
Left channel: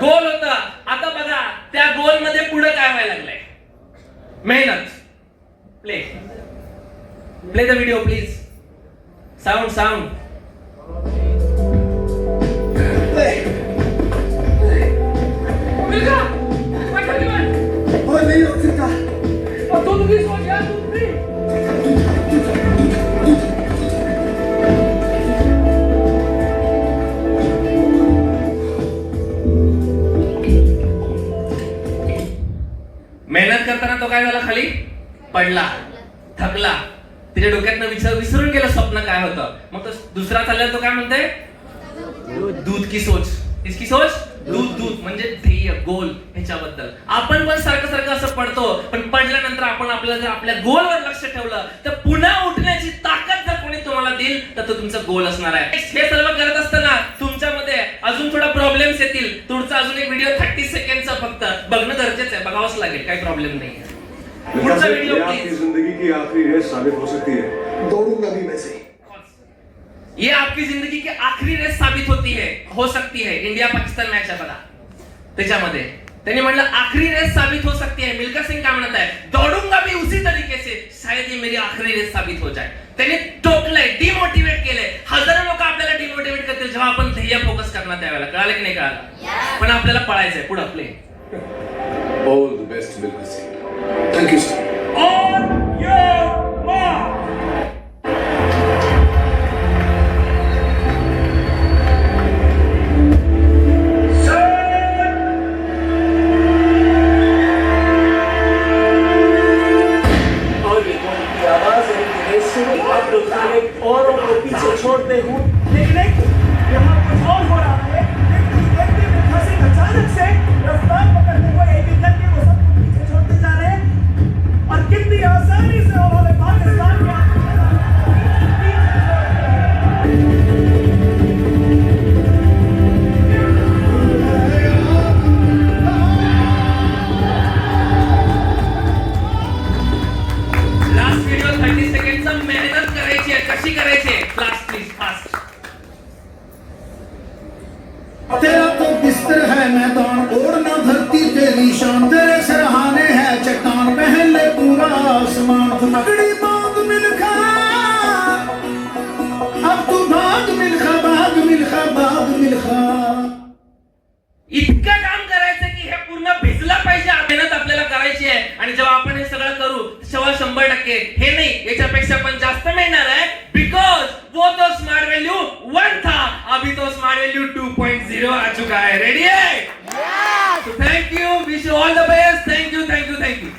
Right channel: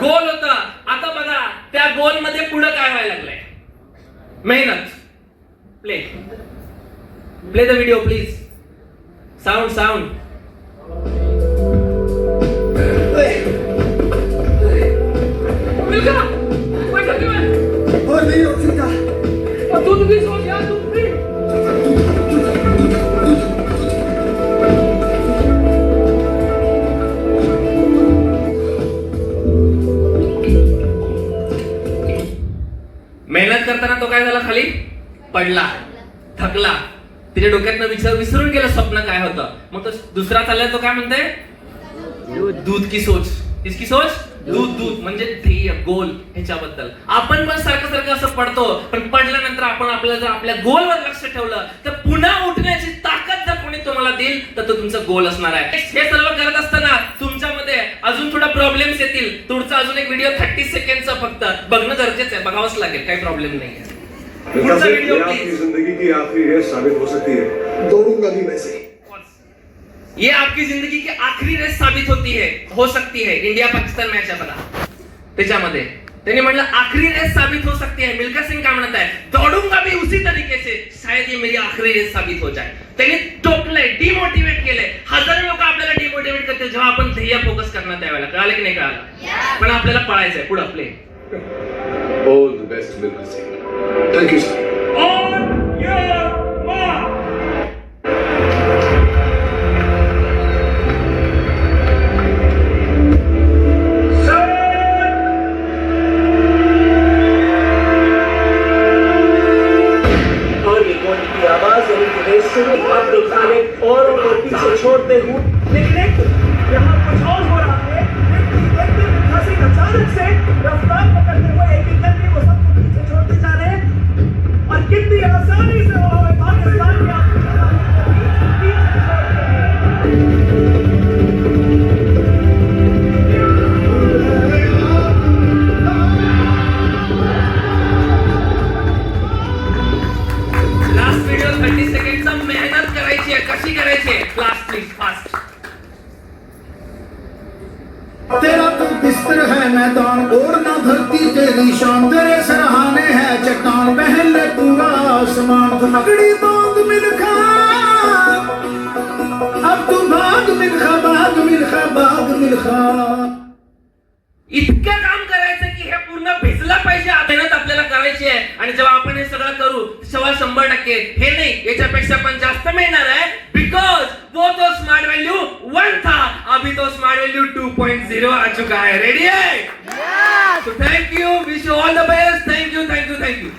गोल होतं. आता बघा त्या गोल मध्ये पुढे काय व्हायला लागलंय? मेहनत. Play the video please. Sound. Milkha, what are you doing? और नहीं हो सकता. और दूध भी सोच यार, दूध भी. मेहनत करताना तो काय झाला? खाली पडला, थकला. त्याच्या डोक्यातनं विसरून गेलं स्वप्न काय होतं. मग तो दुसरा चालला, तो काय म्हणतोय? दूध की सोच. किसकी सोच? दूध म्हणजे ध्येय, गोल. ह्याच्याबद्दल आपण पण सारखं असं पडतो, पण पडल्यानंतर आपण आपल्याला जर आपल्या गोलवर लक्ष ठेवलं तर पुन्हा उठण्याची ताकद जर कोणी तुम्हाला देईल तर तो तुमचा गोल असणार आहे. हे सर्व करत असताना तुमच्यामध्ये अजून थोडा प्रॉब्लेम्स येतील. तुमचा अजून एक व्हिडिओ 30 सेकंडचा फक्त बघणं गरजेचं आहे. बघावंच लागेल, काही प्रॉब्लेम नाही आहे. पुढचा व्हिडिओ आपकी जिंदगी की आखिरी रेस साबित हो सकती है. दौड़ूंगा भी वैसे. ये आपकी जिंदगी की आखरी रेस साबित होती है, हो सकती है. इंडिया पाकिस्तान मॅच आहे बघा, त्याच्यामध्ये त्यांनी म्हणलं आखरी रेस साबित हो सकती है. मिल्खा सिंग काय म्हणत आहे? दौड़ूंगा भी उसी तरीके से, शायद ये मेरी आखरी रेस साबित हो जाए. त्यांनी टोकलंय, डिमोटिवेट केलंय. हजारो लोक आपल्याला डिमोटिवेट करते जेव्हा आपण ध्येय फोकस करणार त्यावेळेला. कळालं की नाही कळालं? पण आपल्याला पळायचंय पुढे. आपले all the best Milkha Singh. Thank you sir. On your mark. और ये कौन की आवाज है? जानते हूँ, लेकिन यहाँ कुछ और हो रहा है। एक दिन फंसी अचानक से रफ्तार पकड़ते हुए एक एक करके वो सबको पीछे छोड़ते जा रहे हैं और कितनी आसानी से उन्होंने पाकिस्तान के लास्ट व्हिडिओ 30 सेकंडचा मेहनत करायची आहे. कशी करायची आहे? Class please fast. तेरा तो बिस्तर है मैदान, ओढ़ना धरती तेरी शान, तेरे सराहने है चट्टान, पहन ले पूरा आसमान, तू पकड़ी बाग मिल्खा, अब तू भाग मिल्खा, भाग मिल्खा, भाग मिल्खा. इतकं काम करायचं की हे पूर्ण भिजलं पाहिजे. मेहनत आपल्याला करायची आहे आणि जेव्हा आपण हे सगळं करू तेव्हा 100% हे नाही याच्यापेक्षा पण जास्त मिळणार आहे. बिकॉज वो तो स्मार्ट वैल्यू 1 था, अभी तो स्मार्ट वैल्यू 2.0 आ चुका है. रेडी है? तो thank you, wish you all the best. Thank you.